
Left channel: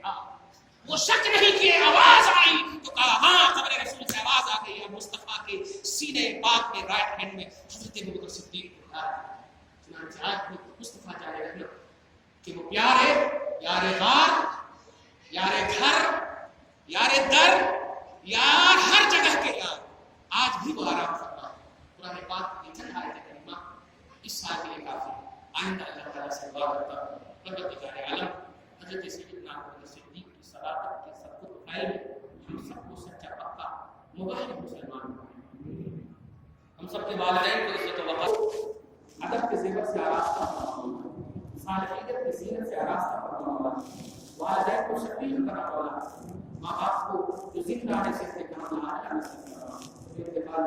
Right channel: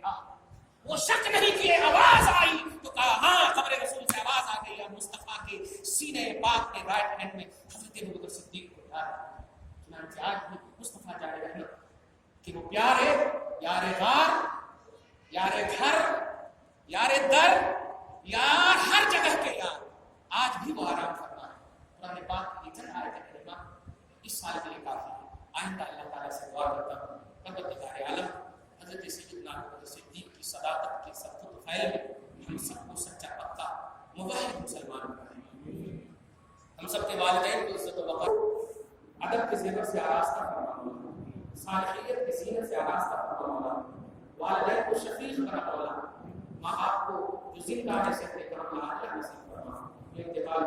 وہ شک نہیں کیے, آواز آئی تو کہا ہاں قبر رسول سے آواز آ گئی. مصطفیٰ کے سینے پاک میں رائٹ ہینڈ میں حضرت ابوبکر صدیق کو یاد. چنانچہ آج بھی مصطفیٰ جان رحمت کہ وہ پیار ہے, یار غار, یار گھر, یار در, یار ہر جگہ کے یار, آج بھی وہ آرام فرما ہے. قرآن سال کے لیے کافی ہے. آئندہ اللہ تعالیٰ سے دعا کرتا ہوں پروردگار عالم حضرت سیدنا ابوبکر صدیق کی صداقت کے سبقت و فیل میں ہم سب کو سچا پکا موحد مسلمان بنائے. ہم سب کے والدین کو عزت و وقار ادب کے زیور سے آراستہ فرما، صالحیت کی زینت سے آراستہ فرما، والدین کو شفیق بنا مولا، ماں باپ کو جو زندہ ہے سے اپنے کرم اللہ نصیب فرما. انتقال